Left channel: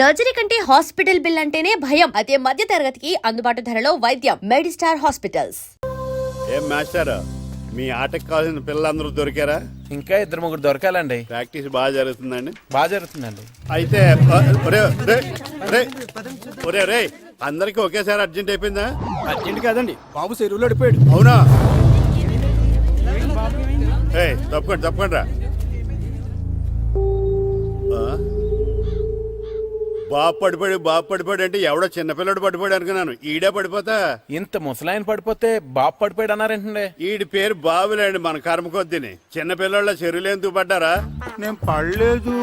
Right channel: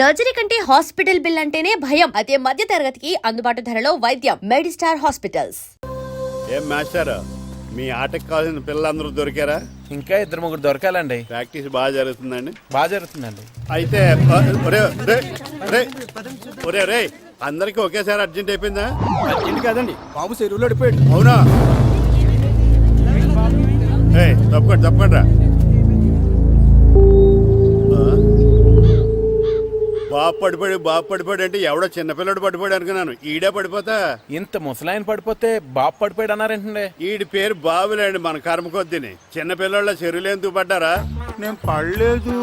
Surgery కంటే hospital bill అంటేనే భయం. అదే మధ్య తరగతికి అందుబాటు ధరలో వైద్యం. Medistar hospitals. ఏం మాస్టర్, మీ ఆటకు కావాల్సిన పిల్లలందరూ దొరికారా? ఇంకా 2-3 దొరకాలండి. ప్రాక్టీస్ బాగా జరుగుతుందండి? బాగా జరుగుతుందండి. అయితే ఒరే అందరికి ఒకేసారి అర్జెంట్ అయిపోయిందా? అర్జెంట్ కాదండి, బాబు చెరువులో అడిపోయాడు. అవునా? తప్పకుండా రా. బాబు పడిపోయాడు అంటే ఎవడో చిన్నపిల్లడు పడిపోయాడు అనుకున్నాను. ఈడే పడిపోతా. ఇంత ముసలాయన పడిపోతే బాబు పడిపోయాడు అన్నారేంటండి? ఈడి పేరు బాబులేండి, మన కర్మ కొద్దిని. చిన్నపిల్లల చెరువులు ఎందుకు పడ్డారా? నేను పడలేదు,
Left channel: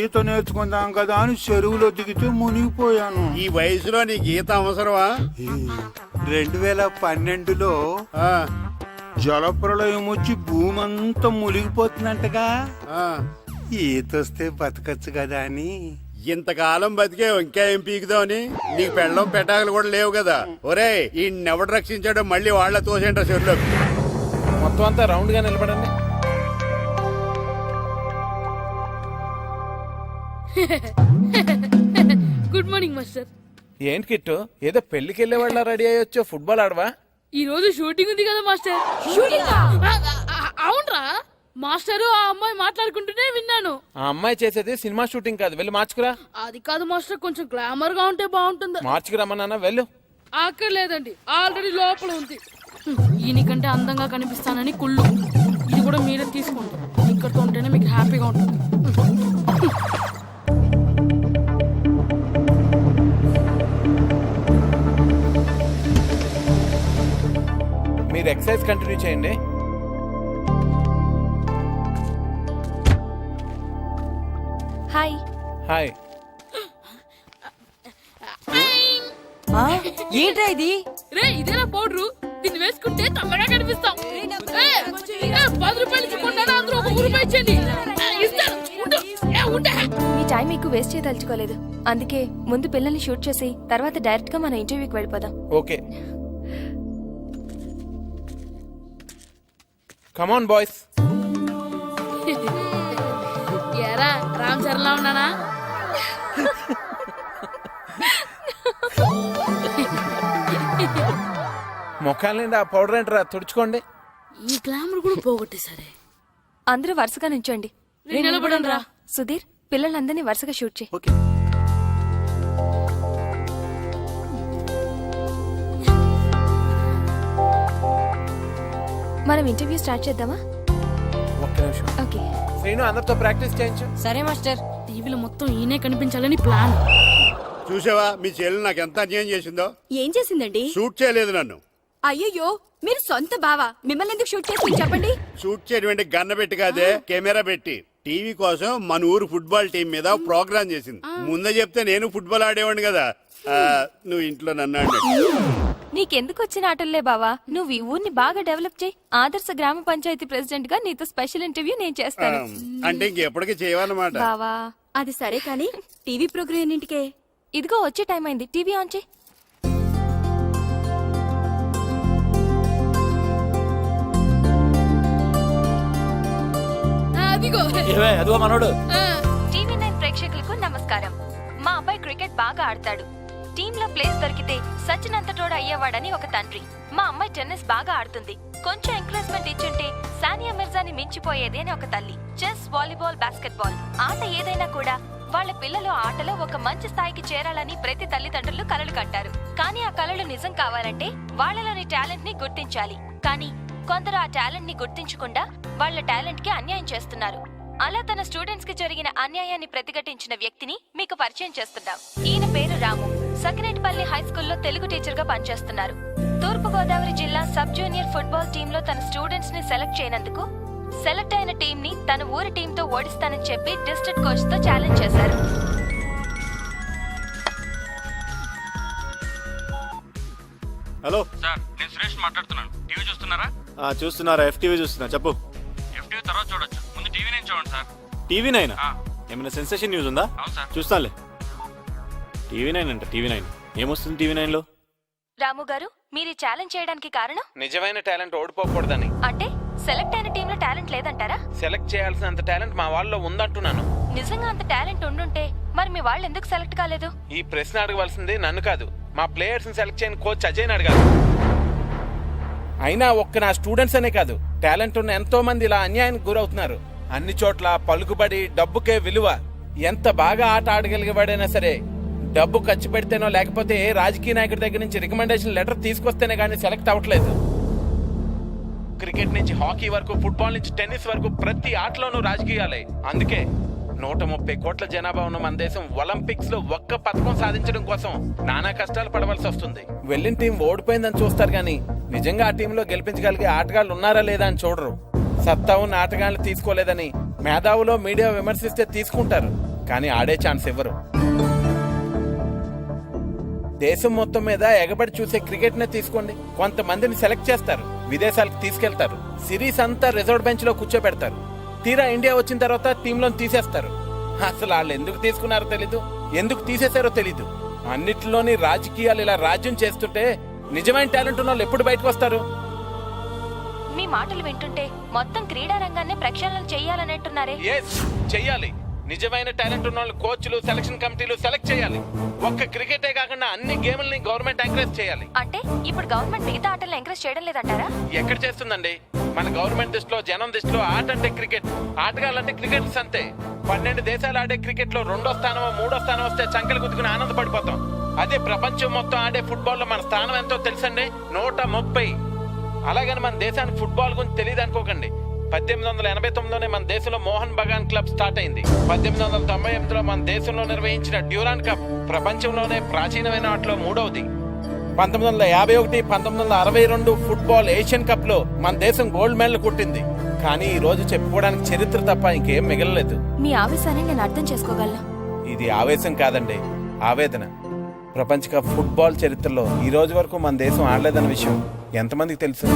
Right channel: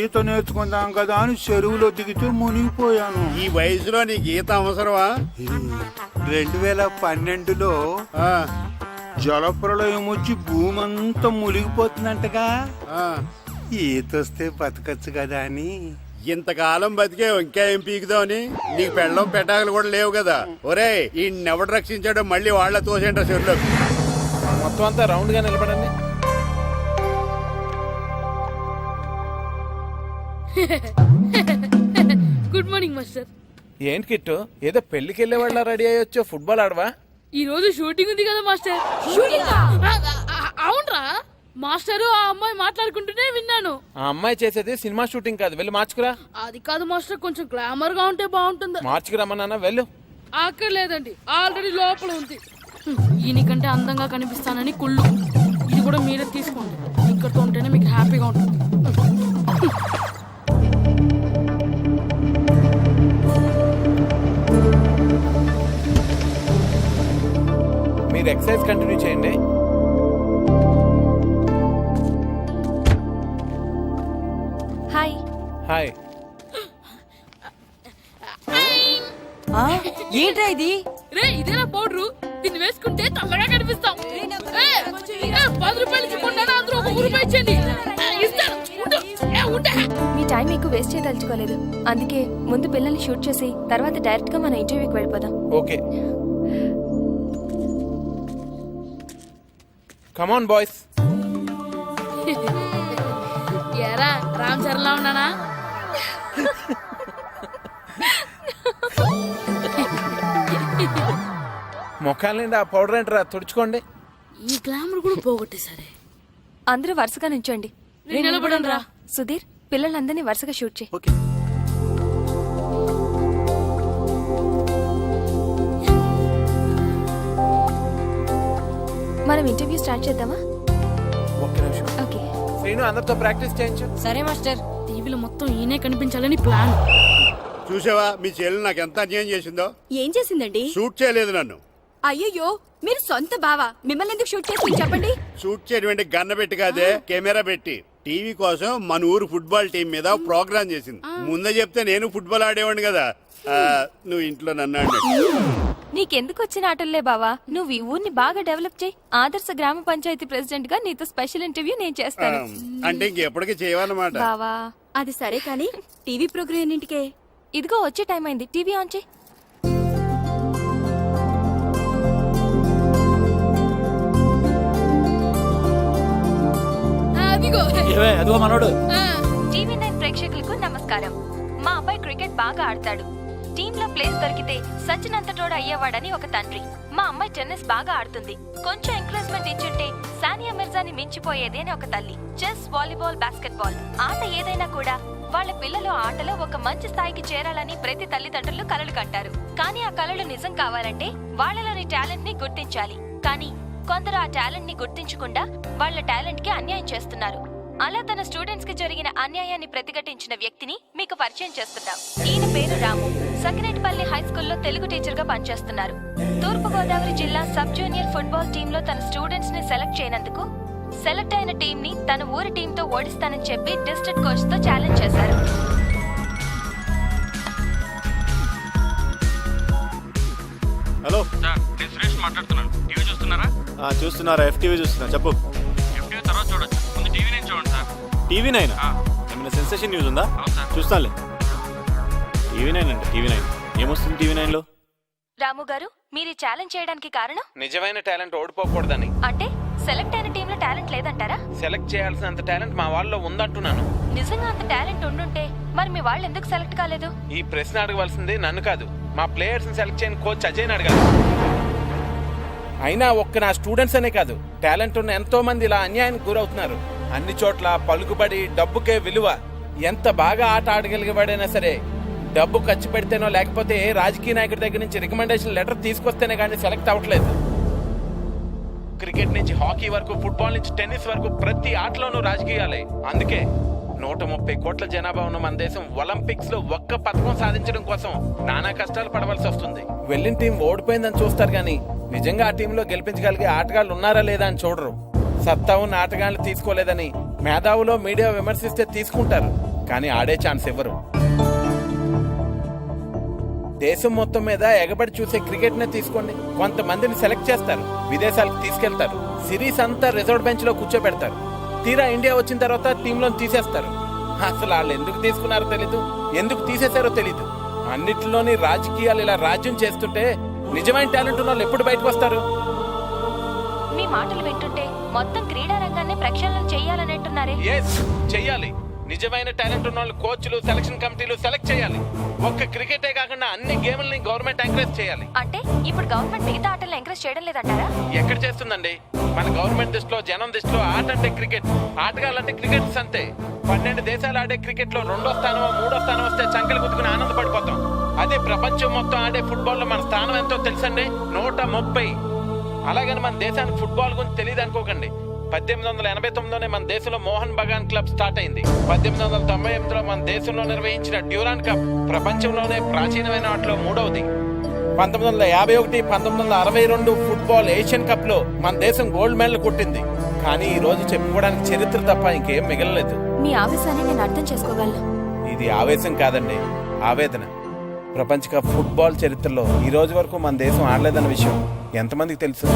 ఈత నేర్చుకుందాం కదా అని చెరువులో దిగితే మునిగిపోయాను. ఈ వయసులో నీకు ఈత అవసరమా? 2012లో జలప్రలయం వచ్చి భూమి అంతా మునిగిపోతుందంటగా. ఈతొస్తే బతకచ్చు కదా అని. ఇంతకాలం బతికే ఇంకా ఏం పీకుదామని? నీకు పెళ్ళం పెట్టాకలు కూడా లేవు కదా. ఒరే, ఈ ఎవడు రక్షించాడో మళ్ళీ వాళ్ళ తోసేంటారు చెరువులో. మొత్తం అంతా రౌండ్ గా నిలబడండి. Good morning master. ఏంటి కిట్టు, ఏదో పెళ్లికి వెళ్ళే వాళ్ళ రెడీ అయ్యొచ్చో? ఫుట్బాల్ ఆడవా? ఈ రోజు షూటింగ్ ఉంది కదా మాస్టర్. అవునరా మాస్టర్, ఆ అమ్మాయి మాట్లాడుకుంటూనే విన్నాను. ఆ అమ్మాయి చేసేది సినిమా షూటింగ్ కాదు, వెళ్ళి మార్చుకురా. అది కాదు మాస్టర్, కొంచెం గ్లామర్ గా ఉంటే బాగుంటుంది. మార్చుకురమ్మన్నా, వెళ్ళు. అక్కర్లేదండి, ఆల్రెడీ లోపల ఉంది. ఈయనకంటే అందంగా కనిపిస్తానని కుళ్ళు. ఇది కూడా మీరే తీసుకోండి, ఇక్కడితో ఉంటేనే మీకు హ్యాపీగా ఉంటుంది. మీరు ఎక్సర్సైజ్ కంటిన్యూ చేయండి. హాయ్. హాయ్. ఏంట్రా ఇది? రే, ఇదేనా పౌడరు? దీన్ని వేసుకుంటే తల్లగా కనిపిస్తాం. 10 రూపాయలు ఇచ్చుకుంటాను, అందరూ 1 రూపాయి ఇచ్చేయండి. ఇస్తాను. మీ టైం ఎక్కువ వేస్ట్ చేయదలుచుకోలేదు, అందుకే ముందు పిల్లల్ని షూట్ చేసి తర్వాత డైరెక్ట్ గా మన ఇంటర్వ్యూకి వెళ్ళిపోదాం. Okay, come on boys. ఏరా, రామ్ చరణ్ లా ఉన్నానా? మొఖాల నిండా ఆ పౌడర్ ఏంటరా, తుడుచుకోండి. ఈ గ్లామర్ కూడా పోగొట్టేసరే. అందరూ వరుసగా నించోండి. నిలబడండి రా. సుధీర్, పిల్లలందరినీ వరుసగా షూట్ చేయి. ఓకే. మనం ఇంటర్వ్యూ స్టార్ట్ చేద్దామా? ఒక్క నిమిషం. ఓకే. శ్రీను, అందరితో ప్రాక్టీస్ చేయించు. సరే మాస్టర్. టీవీలో మొత్తం ఈయనే కనిపించాలని ప్లాన్. చూసావా మీ చెల్లి నాకు ఎంత అన్యాయం చేసిందో? ఏం చేసిందండి? షూట్ చేయలేదు నన్ను. అయ్యయ్యో, మీరు సొంత బావా, మిమ్మల్ని ఎందుకు షూట్ చేసి చెప్పండి. షూట్ చేయడం గన్న పెట్టి కాదే, కెమెరా పెట్టి. టీవీ కోసం మన ఊరు ఫుట్బాల్ టీం మీద ప్రోగ్రామ్ చేసింది. ముందే చెప్తే నేను ఫుట్బాల్ ఆడేవాడిని కదా. నువ్వు ఇంట్లో నన్ను అన్నట్టు. నీకెందుకు వచ్చిన ఆటల్లే బావా, నువ్వు ఈ ఊరిని బాగా డెవలప్ చేయి. ఆదర్శ గ్రామ పంచాయతీ ప్రెసిడెంట్ గా నీతో స్పెషల్ ఇంటర్వ్యూ నేను చేస్తాను. అంటే ఇంకెప్పటికీ చేయవన్నమాట. బావా, అది సరే కానీ టీవీ ప్రోగ్రామ్ ఎన్నింటికే? ఇదిగో వచ్చే టైం అయింది, టీవీ ఆన్ చేయి. అదిగో మనోడు. టీవీ 9 ప్రేక్షకులకు నమస్కారం. మా అబ్బాయి క్రికెట్ బాగా ఆడతాడు. టీంలో ప్లేస్ దొరికితే సచినంతటోడు అయ్యేవాడని ఒక తండ్రి. మా అమ్మాయి టెన్నిస్ బాగా ఆడుతుంది, కొంచెం ఎంకరేజ్మెంట్ ఇచ్చుంటే సానియా మిర్జాని మించిపోయేది అని ఒక తల్లి. చెస్, వాలీబాల్, బాస్కెట్బాల్ ఆట ఏదైనా కూడా వాళ్ళ పిల్లలు ఆటలో ఒక మంచి స్థాయికి చేరాలని ప్రతి తల్లిదండ్రులు కలలు కంటారు. కానీ ఆ కలలు నిజం కావాలంటే వాళ్ళలోని టాలెంట్ ని గుర్తించాలి. కానీ కొందరు ఆ టాలెంట్ ని గుర్తించకుండా వాళ్ళ టాలెంట్ కి అన్యాయం చేస్తున్నారు. అలా తన స్టూడెంట్స్ కి జరిగిన అన్యాయాన్ని ప్రతిఘటించిన వ్యక్తిని మీకు పరిచయం చేస్తున్నాం. ఈయన పేరు రాము. సకినేటిపల్లి హై స్కూల్లో తెలుగు టీచర్ గా పనిచేస్తున్నారు. తూర్పు గోదావరి జిల్లా సబ్ జూనియర్ ఫుట్బాల్ టీమ్ లో తన స్టూడెంట్స్ ని సెలెక్ట్ చేయనందుకు సెలెక్ట్ అయిన టీం ని తన ఊరి టీమ్ తో ఓడిస్తానని చెప్పి డిస్ట్రిక్ట్ కోచ్ తో ఛాలెంజ్ చేశారు. హలో సార్, నేను సురేష్ మాట్లాడుతున్నాను. టీవీ చూస్తున్నారా? చూస్తున్నారా? FTV చూస్తున్నా. చెప్పు. FTV తర్వాత చూడొచ్చు, ముందు టీవీ నేను చూడండి సార్. టీవీ 9 ఏమైనా సెన్సేషన్ న్యూస్ ఉందా? అవును సార్. చూస్తానులే. టీవీ 9 అంటే టీవీ 9 ఏమొస్తుంది టీవీ 9 లో? రాము గారు, మీరు ఛాలెంజ్ చేయడానికి కారణం? నిజమైన టాలెంట్ ఓడిపోకూడదని. అంటే సెలెక్ట్ అయిన టీంలో టాలెంట్ లేదంటారా? సెలెక్ట్ చేయాల్సినంత టాలెంట్ మా వాళ్ళలో ఉందంటున్నాను. నిజంగా అంత టాలెంట్ ఉండుంటే మరి మీ వాళ్ళు ఎందుకు సెలెక్ట్ కాలేదు? ఈ ప్రశ్న అడగవలసింది నన్ను కాదు, మా ప్లేయర్స్ ని సెలెక్ట్ చేయని కోచ్ అజయ్ని అడగాలి. అయినా ఒక్క నా స్టూడెంట్స్ అనే కాదు, టాలెంట్ ఉన్న ఎంతో మంది ఇలా అన్యాయానికి గురవుతున్నారు. అన్ని చోట్ల పలుకుబడి, డబ్బుకే విలువ. ఎంత బాగా ఆట ఆడగలిగేవాడైనా సరే డబ్బు ఖర్చు పెడితేనో లేకపోతే ఏ రాజకీయ నాయకుడి దగ్గర నుంచి రికమెండేషన్ లెటర్ తీసుకొస్తేనే కానీ సెలెక్ట్ అవ్వట్లేదు. క్రికెట్ నుంచి హాకీ వరకు, ఫుట్బాల్ నుంచి టెన్నిస్ వరకు ప్రతి ఆటలోనూ రాజకీయాలే. అందుకే 130 కోట్ల జనాభా ఉన్న మన దేశం ఒలింపిక్స్ లో ఒక్క పథకం సాధించడం కోసం నానా కష్టాలు పడవలసి వస్తుంది. వెళ్ళిన టీం ఓడిపోయిందని చూస్తారు కానీ నిజంగా ఆ టీంలో గెలిపించగలిగే ఆటగాళ్ళు ఉన్నారా లేదా అని చూడరు. సత్తా ఉన్న ఆటగాళ్ళు తీసుకోలేదని మేధావులో మీడియా విమర్శిస్తే తీసుకుంటారు, కానీ ఆడే ఛాన్స్ ఇవ్వరు. దేశం మొత్తం మీద ఎగబడి చూసే క్రికెట్ నే తీసుకోండి. కొంతమందిని సెలెక్ట్ చేస్తారు, విదేశాలకు తీసుకెళ్తారు, సిరీస్ అంతా రిజర్వ్ బెంచ్ లో కూర్చోబెడతారు. తీరా ఇండియా వచ్చిన తర్వాత టీంలో తీసేస్తారు. అసలు వాళ్ళు ఎందుకు తీసుకున్నారో తెలీదు, ఎందుకు తీసేశారో తెలీదు. అన్నిటిలోని రాజకీయాలు ఇలా రాజ్యం చేస్తుంటే నిజమైన టాలెంట్ ఉన్న వాళ్ళు ఎప్పుడు బయటకు వస్తారు? మీ మాటలు వింటుంటే మొత్తం క్రీడా రంగాన్ని ప్రక్షాళన చెయ్యాలనంటున్నారే? ఎస్, చెయ్యాలి. నిజమైన టాలెంట్ ఉన్న వాళ్ళు కోచ్లు, సెలక్షన్ కమిటీలు సెలెక్ట్ చేయాలి. ఒక్క క్రికెటే కాకుండా అన్ని గేమ్లని గవర్నమెంట్ ఎంకరేజ్ చేయాలి. అంటే ఇప్పుడు గవర్నమెంట్ మిగతా ఆటలను ఎంకరేజ్ చేయడం లేదంటారా? ఎక్కడ చేస్తుందండి? మన గవర్నమెంట్ దృష్టిలో, జనం దృష్టిలో ఆట అంటే క్రికెట్, ఆటగాళ్ళంటే క్రికెటర్స్ అంతే. 12 దేశాలు ఆడే క్రికెట్ లో 2వ స్థానమో 3వ స్థానం వస్తే చంకలు గుద్దుకుని ఆనందపడిపోతాం. అదే ప్రపంచం మొత్తం ఆడే ఫుట్బాల్ లో మన స్థానం ఎంతో తెలుసండి, 130. అలాగని మన దేశానికి ఫుట్బాల్ గురించి తెలియదు అనుకోకండి. 1889లోనే మన దేశంలో మోహన్ బగాన్ క్లబ్ స్టార్ట్ అయింది. 1898లో మన దేశంలో నిర్వహించిన డ్యూరాన్ కప్ ప్రపంచంలోనే ప్రాచీనమైన వాటిలో 3వది. 1951, 1962 ఫుట్బాల్ ఏషియన్ కప్ లో మన దేశం గోల్డ్ మెడల్ కొట్టింది. కానీ ఈ రోజు చెప్పుకోవడానికి చరిత్ర తప్ప ఇంకేం మిగలలేదు. మీ ఆవేశాన్ని నేను అర్థం చేసుకోగలను. ఇది ఆవేశం కాదండి, ఆవేదన. ప్రపంచ కప్ ఫుట్బాల్ చరిత్రలో ఈ రోజు వరకు మన దేశం ఆడలేదన్న విషయం ఎంతమందికి తెలుసు?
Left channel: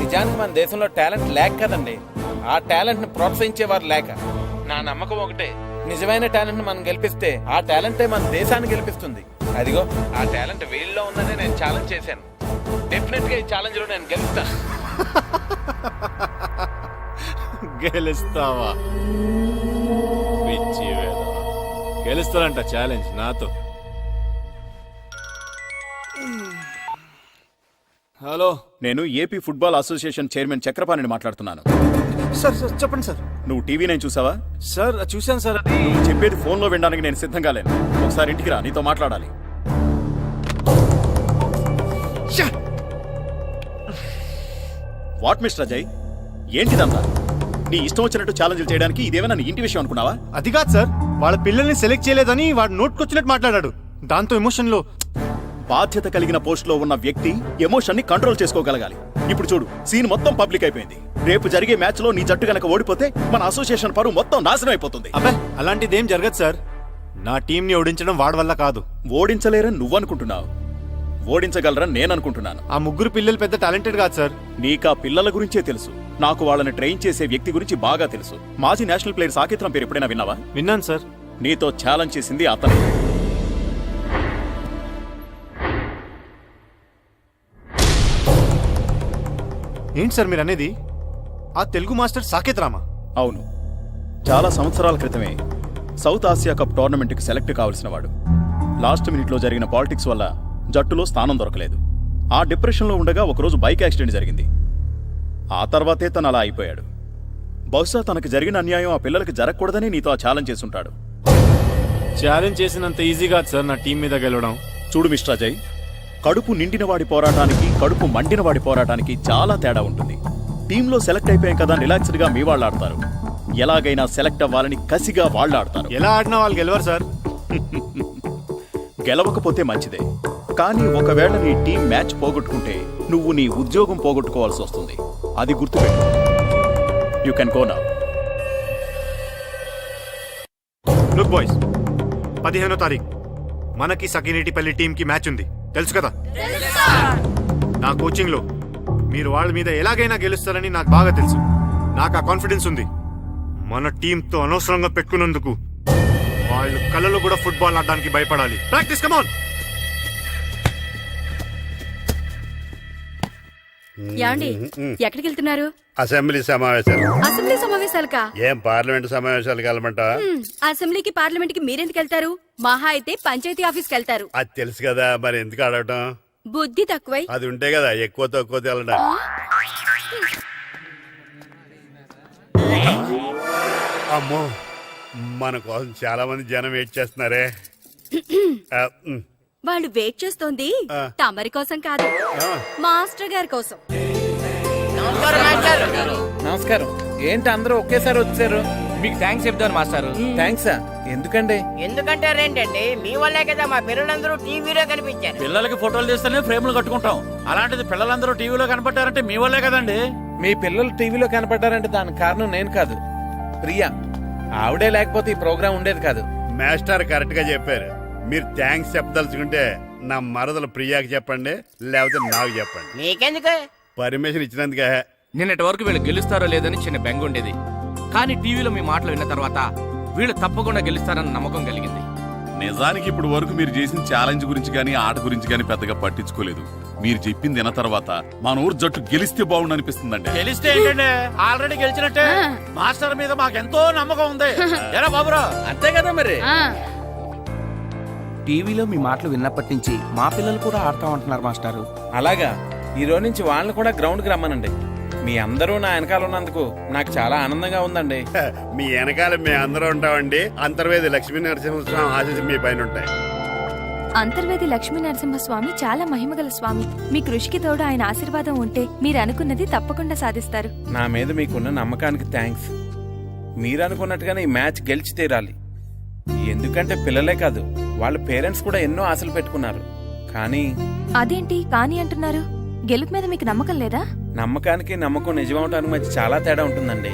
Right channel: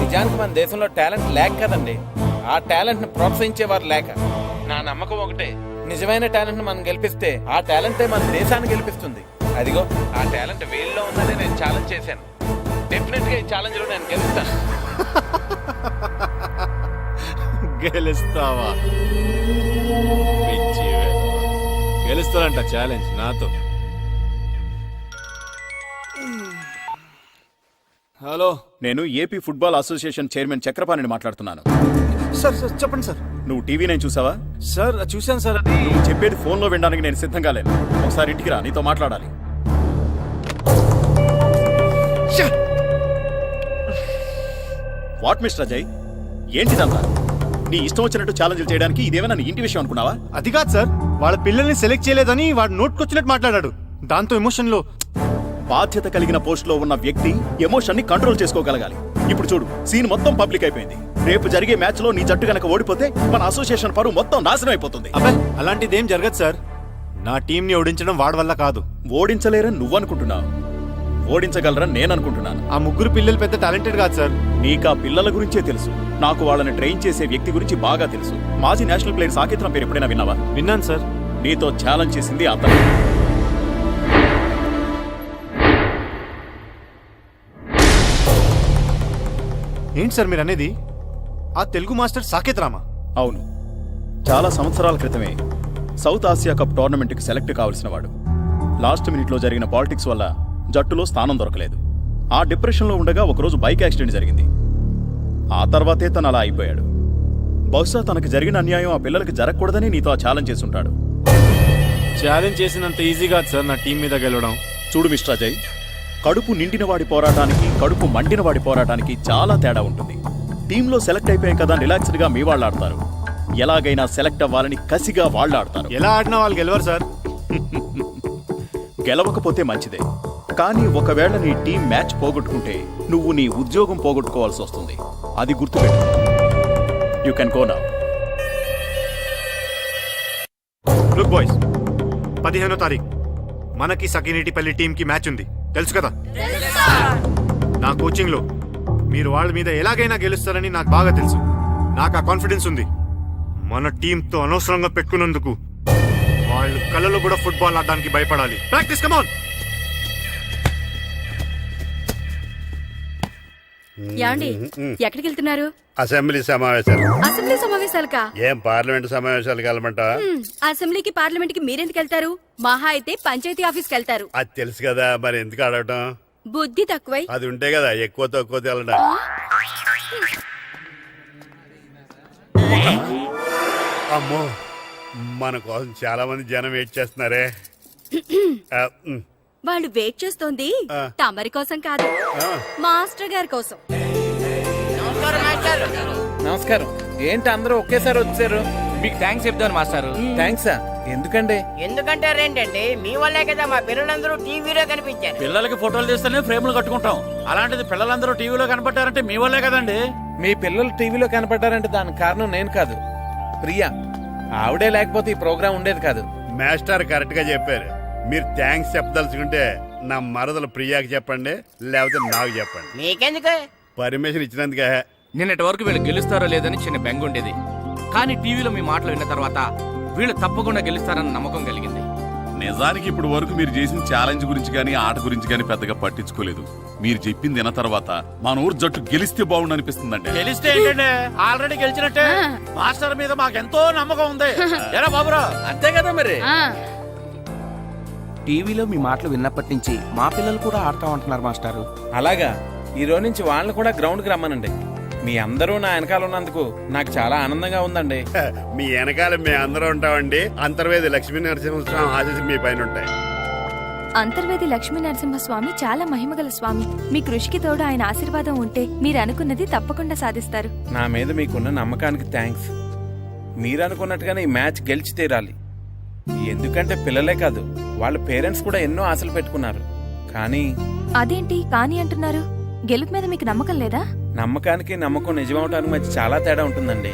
నిజానికి మన దేశంలో టాలెంట్ లేక కదండి, ఆ టాలెంట్ ని ప్రోత్సహించేవారు లేక. నా నమ్మకం ఒకటే, నిజమైన టాలెంట్ ని మనం గెలిపిస్తే ఆ టాలెంటే మన దేశాన్ని గెలిపిస్తుంది. అదిగో ఆ టాలెంట్ వీళ్ళలో ఉన్నదే నేను ఛాలెంజ్ చేశాను. డెఫినెట్ గా ఈ ఛాలెంజ్ లో నేను గెలుస్తాను. గెలుస్తావా? పిచ్చి వేధవా. గెలుస్తానంట ఛాలెంజ్ నాతో. హలో, నేను ఏపీ ఫుట్బాల్ అసోసియేషన్ చైర్మన్ చక్రపాణిని మాట్లాడుతున్నాను. సార్ సార్ చెప్పండి సార్. నువ్వు టీవీ నేను చూసావా? సార్ చూశాను సార్. అది నువ్వు చెప్పేది ఫోన్లో వినడానికి నేను సిద్ధంగా లేను. ఒకసారి ఇంటికి రా, నీతో మాట్లాడాలి. వాట్ మిస్టర్ అజయ్, ఏంటిదంతా? నీ ఇష్టం వచ్చినట్టు ఛాలెంజ్ చేయడానికి ఇదేమైనా నీ ఇంటి విషయం అనుకున్నావా? అది కాదు సార్, వాళ్ళ పిల్లల్ని సెలెక్ట్ చేయలేదని వాడు నోట్కొచ్చినట్టు మాట్లాడాడు. దాంతో ఎమోషన్ లో. బాధ్యత కలిగిన పోస్ట్ లో ఉన్న వ్యక్తి ఎమోషన్ ని కంట్రోల్ చేసుకోగలగాలి. ఇప్పుడు చూడు, సీన్ మొత్తం పబ్లిక్ అయిపోయింది. రేపు జరిగే మ్యాచ్ లో నీ జట్టు గనక ఓడిపోతే మన అసోసియేషన్ పరువు మొత్తం నాశనం అయిపోతుంది. అబ్బాయి, అలాంటిదేం జరగదు సార్. నా టీం ని ఓడించడం వాడి వల్ల కాదు. ఓడించలేరని నువ్వు అనుకుంటున్నావు, ఓడించగలరని నేను అనుకుంటున్నాను. ఆ ముగ్గురు పిల్లలు పెద్ద టాలెంటెడ్ కాదు సార్. నీకా పిల్లల గురించే తెలుసు, నాకు వాళ్ళని ట్రైన్ చేసే వ్యక్తి గురించి బాగా తెలుసు. మాజీ నేషనల్ ప్లేయర్ సాకేత్రం పేరు ఎప్పుడైనా విన్నావా? విన్నాను సార్. నీతో ఛాలెంజ్ చేసింది అతను. ఏంటి సార్ మీరు అనేది? ఆ తెలుగు మాస్టర్ సాకేత్ రామా? అవును, చాలా సంవత్సరాల క్రితమే సౌత్ ఆసియా కప్ టోర్నమెంట్కి సెలెక్ట్ కావలసిన వాడు. లాస్ట్ మినిట్లో జరిగిన పాలిటిక్స్ వల్ల జట్టులో స్థానం దొరకలేదు. ఆ డిప్రెషన్లో ఉండగా ఒకరోజు బైక్ యాక్సిడెంట్ జరిగింది. ఆ తర్వాతే తను అలా అయిపోయాడు. బహుశా తనకు జరిగిన అన్యాయం ఆ పిల్లలకి జరగకూడదని నీతో ఆ ఛాలెంజ్ చేసుంటాడు. ఛాలెంజ్ చేసినంత ఈజీ కాదు సార్ నా టీం మీద గెలవడం. చూడు మిస్టర్ అజయ్, కడుపు నిండిన వాడి పోరాటానికి, కడుపు మండిన వాడి పోరాటానికి చాలా తేడా ఉంటుంది. టీంలో సెలెక్ట్ అయిపోయాం కదా రిలాక్స్డ్ గా మీ వాళ్ళు ఆడతారు, ఎలాగైనా సెలెక్ట్ అవ్వాలని కసిగా వాళ్ళు ఆడతారు. ఎలా ఆడినా వాళ్ళు గెలవరు సార్. గెలవకపోతే మంచిదే, కానీ ఒకవేళ నీ టీం మ్యాచ్ పోగొట్టుకుంటే నువ్వు నీ ఉద్యోగం పోగొట్టుకోవాల్సి వస్తుంది. అది గుర్తుపెట్టు. You can go now. Look boys, 15వ తారీఖు మనకి సకినేటిపల్లి టీం కి మ్యాచ్ ఉంది, తెలుసు కదా? నా కోచింగ్ లో మీరు వాళ్ళ మీద ఎలాగైనా గెలుస్తారని నాకు బాగా తెలుసు. నాకు ఆ కాన్ఫిడెన్స్ ఉంది. మన టీంతో అనవసరంగా పెట్టుకున్నందుకు వాళ్ళు కళ్ళలో కూడా ఫుట్బాల్ ఆడడానికి భయపడాలి. Practice, come on. యాండి ఎక్కడికి వెళ్తున్నారు? అసెంబ్లీ సమావేశాలు. అసెంబ్లీ సమావేశాలకా? ఏం పార్లమెంట్ సమావేశాలు కలమంటా? అసెంబ్లీకి పార్లమెంట్ కి మీరెందుకు వెళ్తారు? మహా అయితే పంచాయతీ ఆఫీస్కి వెళ్తారు. అది తెలుసు కదా, మరి ఎందుకు అడగటం? బుద్ధి తక్కువై. అది ఉంటే కదా ఎక్కువ తక్కువ తెలడా. అమ్మో, మన కోసం చాలా మంది జనం వెయిట్ చేస్తున్నారే. వాళ్ళు వెయిట్ చేస్తోంది తమరి కోసం కాదు, మాస్టర్ గారి కోసం. నమస్కారం. ఏంటి అందరూ ఒకేసారి వచ్చారు? మీకు థ్యాంక్స్ చెప్తాను మాస్టారు. థ్యాంక్సా? ఎందుకండి? ఎందుకంటే రేంటండి మీ వల్లే కదా మా పిల్లలందరూ టీవీలో కనిపించారు. పిల్లలకి ఫోటోలు తీస్తేనే ఫ్రేమ్లు కట్టుకుంటాం. అలాంటిది పిల్లలందరూ టీవీలో కనపడ్డారంటే మీ వల్లే కదండి. మీ పిల్లలు టీవీలో కనపడ్డారంటే దానికి కారణం నేను కాదు, ప్రియా. ఆవిడే లేకపోతే ఈ ప్రోగ్రాం ఉండేది కాదు. మాస్టర్ కరెక్ట్ గా చెప్పారు. మీరు థ్యాంక్స్ చెప్పదలుచుకుంటే నా మరదలు ప్రియాకి చెప్పండి, లేకపోతే నాకు చెప్పండి. మీకెందుకు? పర్మిషన్ ఇచ్చినందుకే. నిన్నటి వరకు వీళ్ళు గెలుస్తారో లేదని చిన్న బెంగ ఉండేది. కానీ టీవీలో మీ మాటలు విన్న తర్వాత వీళ్ళు తప్పకుండా గెలుస్తారన్న నమ్మకం కలిగింది. నిజానికి ఇప్పుడు వరకు మీరు చేసిన ఛాలెంజ్ గురించి గానీ ఆట గురించి గానీ పెద్దగా పట్టించుకోలేదు. మీరు చెప్పింది విన్న తర్వాత మన ఊరు జట్టు గెలిస్తే బాగుండు అనిపిస్తుందండి. గెలిస్తే ఏంటండి, ఆల్రెడీ గెలిచినట్టే. మాస్టర్ మీద మాకెంతో నమ్మకం ఉంది. ఎరా బాబురా, అంతే కదా మరి. టీవీలో మీ మాటలు విన్నప్పటి నుంచి మా పిల్లలు కూడా ఆడతామంటున్నారు మాస్టారు. అలాగా, ఈ రోజు నుంచి వాళ్ళని కూడా గ్రౌండ్కి రమ్మనండి. మీ అందరూ నా వెనకాల ఉన్నందుకు నాకు చాలా ఆనందంగా ఉందండి. మీ వెనకాల మేము అందరూ ఉంటామండి. అంతర్వేది లక్ష్మీ నరసింహస్వామి ఆశీస్సులు మీ పైన ఉంటాయి. అంతర్వేది లక్ష్మీ నరసింహస్వామి చాలా మహిమగల స్వామి. మీ కృషికి తోడు ఆయన ఆశీర్వాదం ఉంటే మీరు అనుకున్నది తప్పకుండా సాధిస్తారు. నా మీద మీకున్న నమ్మకానికి థ్యాంక్స్. మీరు అనుకున్నట్టుగానే ఈ మ్యాచ్ గెలిచి తీరాలి. ఎందుకంటే పిల్లలే కాదు, వాళ్ళ పేరెంట్స్ కూడా ఎన్నో ఆశలు పెట్టుకున్నారు. కానీ అదేంటి కానీ అంటున్నారు? గెలుపు మీద మీకు నమ్మకం లేదా? నమ్మకానికి నమ్మకం నిజమవటానికి మధ్య చాలా తేడా ఉంటుందండి.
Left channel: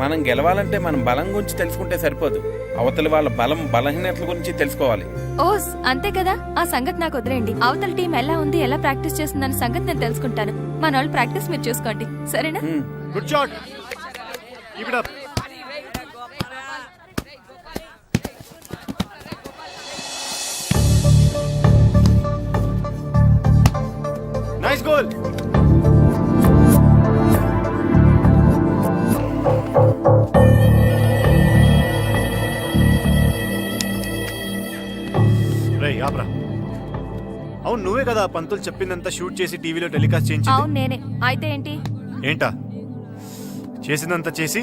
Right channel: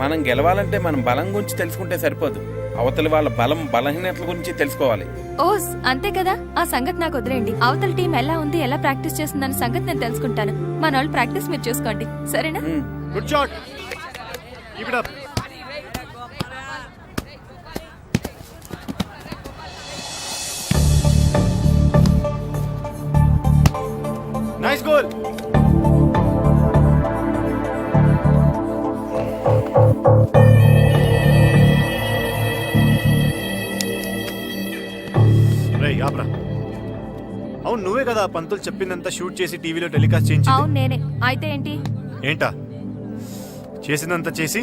మనం గెలవాలంటే మనం బలం గురించి తెలుసుకుంటే సరిపోదు, అవతలి వాళ్ళ బలం బలహీనతల గురించి తెలుసుకోవాలి. ఓస్ అంతే కదా, ఆ సంగతి నాకు వదిలేండి. అవతల టీం ఎలా ఉంది, ఎలా ప్రాక్టీస్ చేస్తుందన్న సంగతి నేను తెలుసుకుంటాను. మన వాళ్ళు ప్రాక్టీస్ మీరు చూసుకోండి, సరేనా? Good shot. Keep it up. Nice goal. రేయ్ ఆప్రా. అవును, నువ్వే కదా పంతులు చెప్పిందంతా షూట్ చేసి టీవీలో టెలికాస్ట్ చేయించింది? అవును నేనే. అయితే ఏంటి? ఏంటా చేసిందంతా చేసి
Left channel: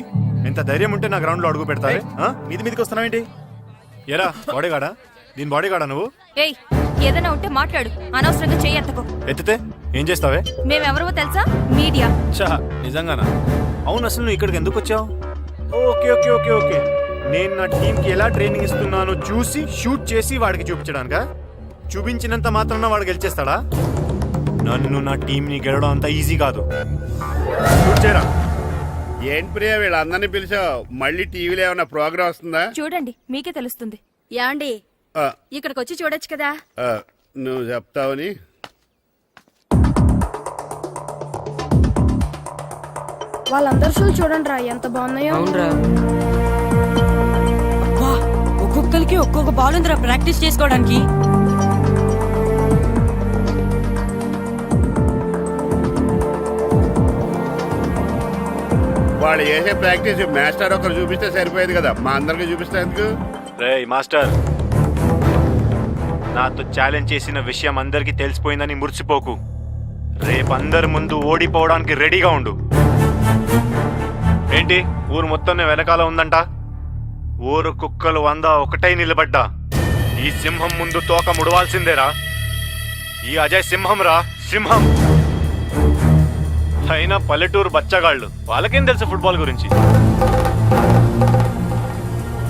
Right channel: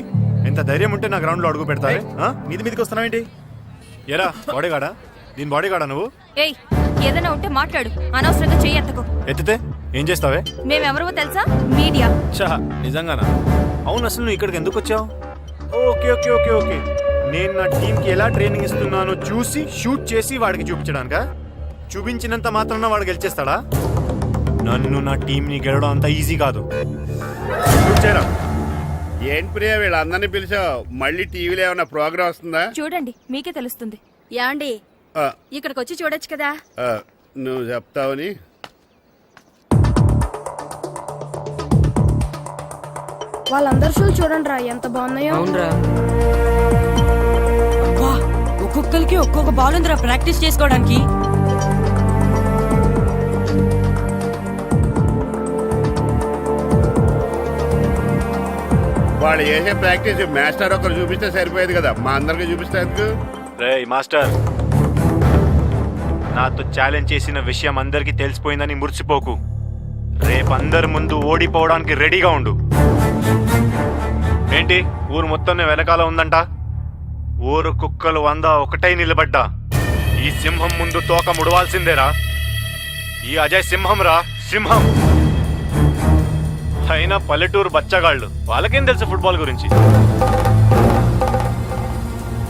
ఎంత ధైర్యం ఉంటే నా గ్రౌండ్ లో అడుగు పెడతారే? మీది మీదకి వస్తున్నావేంటి? ఎరా బాడీగాడా? దీని బాడీగాడా నువ్వు? ఏయ్, ఏదైనా ఉంటే మాట్లాడు, అనవసరంగా చెయ్యి ఎత్తకు. ఎత్తితే ఏం చేస్తావే? మేమెవరో తెలుసా? మీడియా. చా నిజంగానా? అవును, అసలు నువ్వు ఇక్కడికి ఎందుకు వచ్చావు? ఓకే ఓకే ఓకే ఓకే, నేను నా టీంకి ఎలా ట్రైనింగ్ ఇస్తున్నానో చూసి షూట్ చేసి వాడికి చూపించడానికా? చూపించినంత మాత్రాన వాడు గెలిచేస్తాడా? నన్ను నా టీంని గెలవడం అంత ఈజీ కాదు. షూట్ చేయరా. ఏంటి ప్రియా, వీళ్ళందరినీ పిలిచావు? మళ్ళీ టీవీలో ఏమైనా ప్రోగ్రామ్ వస్తుందా? చూడండి, మీకే తెలుస్తుంది. యాండి ఇక్కడికి వచ్చి చూడొచ్చు కదా. నువ్వు చెప్తావని. వాళ్ళందరూ షూలు చూడండి రా, ఎంత బాగున్నాయో. ఒక్కొక్కరికి ఒక్కొక్క బాల్ ఉందిరా ప్రాక్టీస్ చేసుకోవడానికి. వాళ్ళు చేసే ప్రాక్టీస్ మాస్టర్ ఒకరు చూపిస్తే సరిపోయేది కదా, మా అందరికి చూపిస్తే ఎందుకు? రేయ్ మాస్టర్, నాతో ఛాలెంజ్ చేసిన విషయం అందరికీ తెలిసిపోయిందని మురిసిపోకు. రేపు అందరి ముందు ఓడిపోవడానికి రెడీగా ఉండు. ఏంటి ఊరు మొత్తం వెనకాల ఉందంట? ఊరు కుక్కలు 100 ఒకటై నిలబడ్డా ఈ సింహం ముందు తోక ముడవాల్సిందేరా. ఈ అజయ్ సింహం రా, సింహం. అయినా పల్లెటూరు బచ్చగాళ్ళు, వాళ్ళకేం తెలుసు ఫుట్బాల్ గురించి?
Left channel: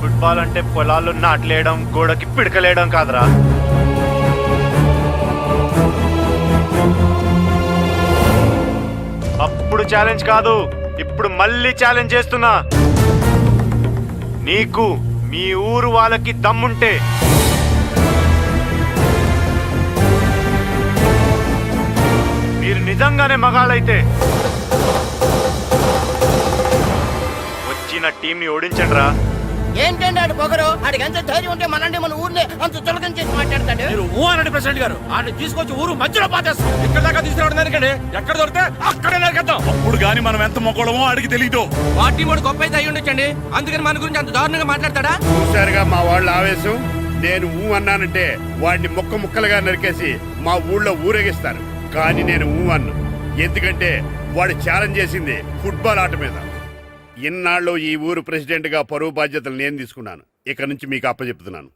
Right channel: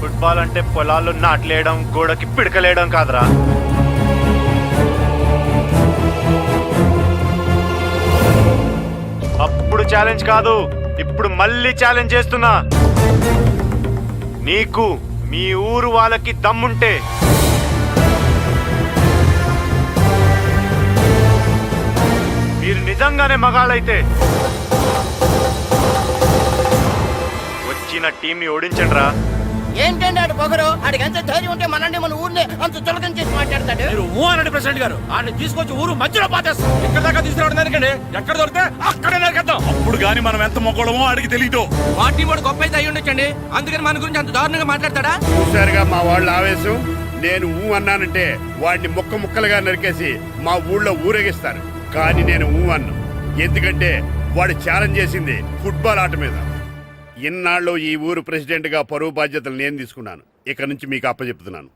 ఫుట్బాల్ అంటే పొలాల్లో నాట్లేయడం, గోడకి పిడకలేయడం కాదురా. అప్పుడు ఛాలెంజ్ కాదు, ఇప్పుడు మళ్ళీ ఛాలెంజ్ చేస్తున్నా. నీకు మీ ఊరు వాళ్ళకి దమ్ముంటే మీరు నిజంగానే మగాళ్ళైతే వచ్చిన టీంని ఓడించండి రా. ఏంటండి ఆడు పొగరు? ఆడికి ఎంత ధైర్యం ఉంటే మన ఊరిని అంత చులకం చేసి మాట్లాడతాడు. మీరు ఊ అనండి ప్రెసిడెంట్ గారు. ఆయన తీసుకొచ్చి ఊరు మధ్యలో పాతేస్తాం. ఇక్కడ దాకా తీసుకురావడం దానికండి, ఎక్కడ దొరికితే అక్కడే నరికేద్దాం. అప్పుడు గాని మనం ఎంత మొక్కడమో అడిగి తెలీదు. పార్టీ వాడు గొప్ప అయితే అయ్యి ఉండొచ్చండి, అందుకని మన గురించి అంత దారుణంగా మాట్లాడతాడా? చూశారుగా మా వాళ్ళ ఆవేశం. నేను ఊ అన్నానంటే వాడిని ముక్కలుగా నరికేసి మా ఊళ్ళో ఊరేగిస్తారు. కానీ నేను ఊ అన్ను, ఎందుకంటే వాడు ఛాలెంజ్ చేసింది ఫుట్బాల్ ఆట మీద. ఇన్నాళ్ళు ఈ ఊరు ప్రెసిడెంట్ గా పరువు బాధ్యతలు నేను తీసుకున్నాను. ఇక నుంచి మీకు అప్పచెప్తున్నాను.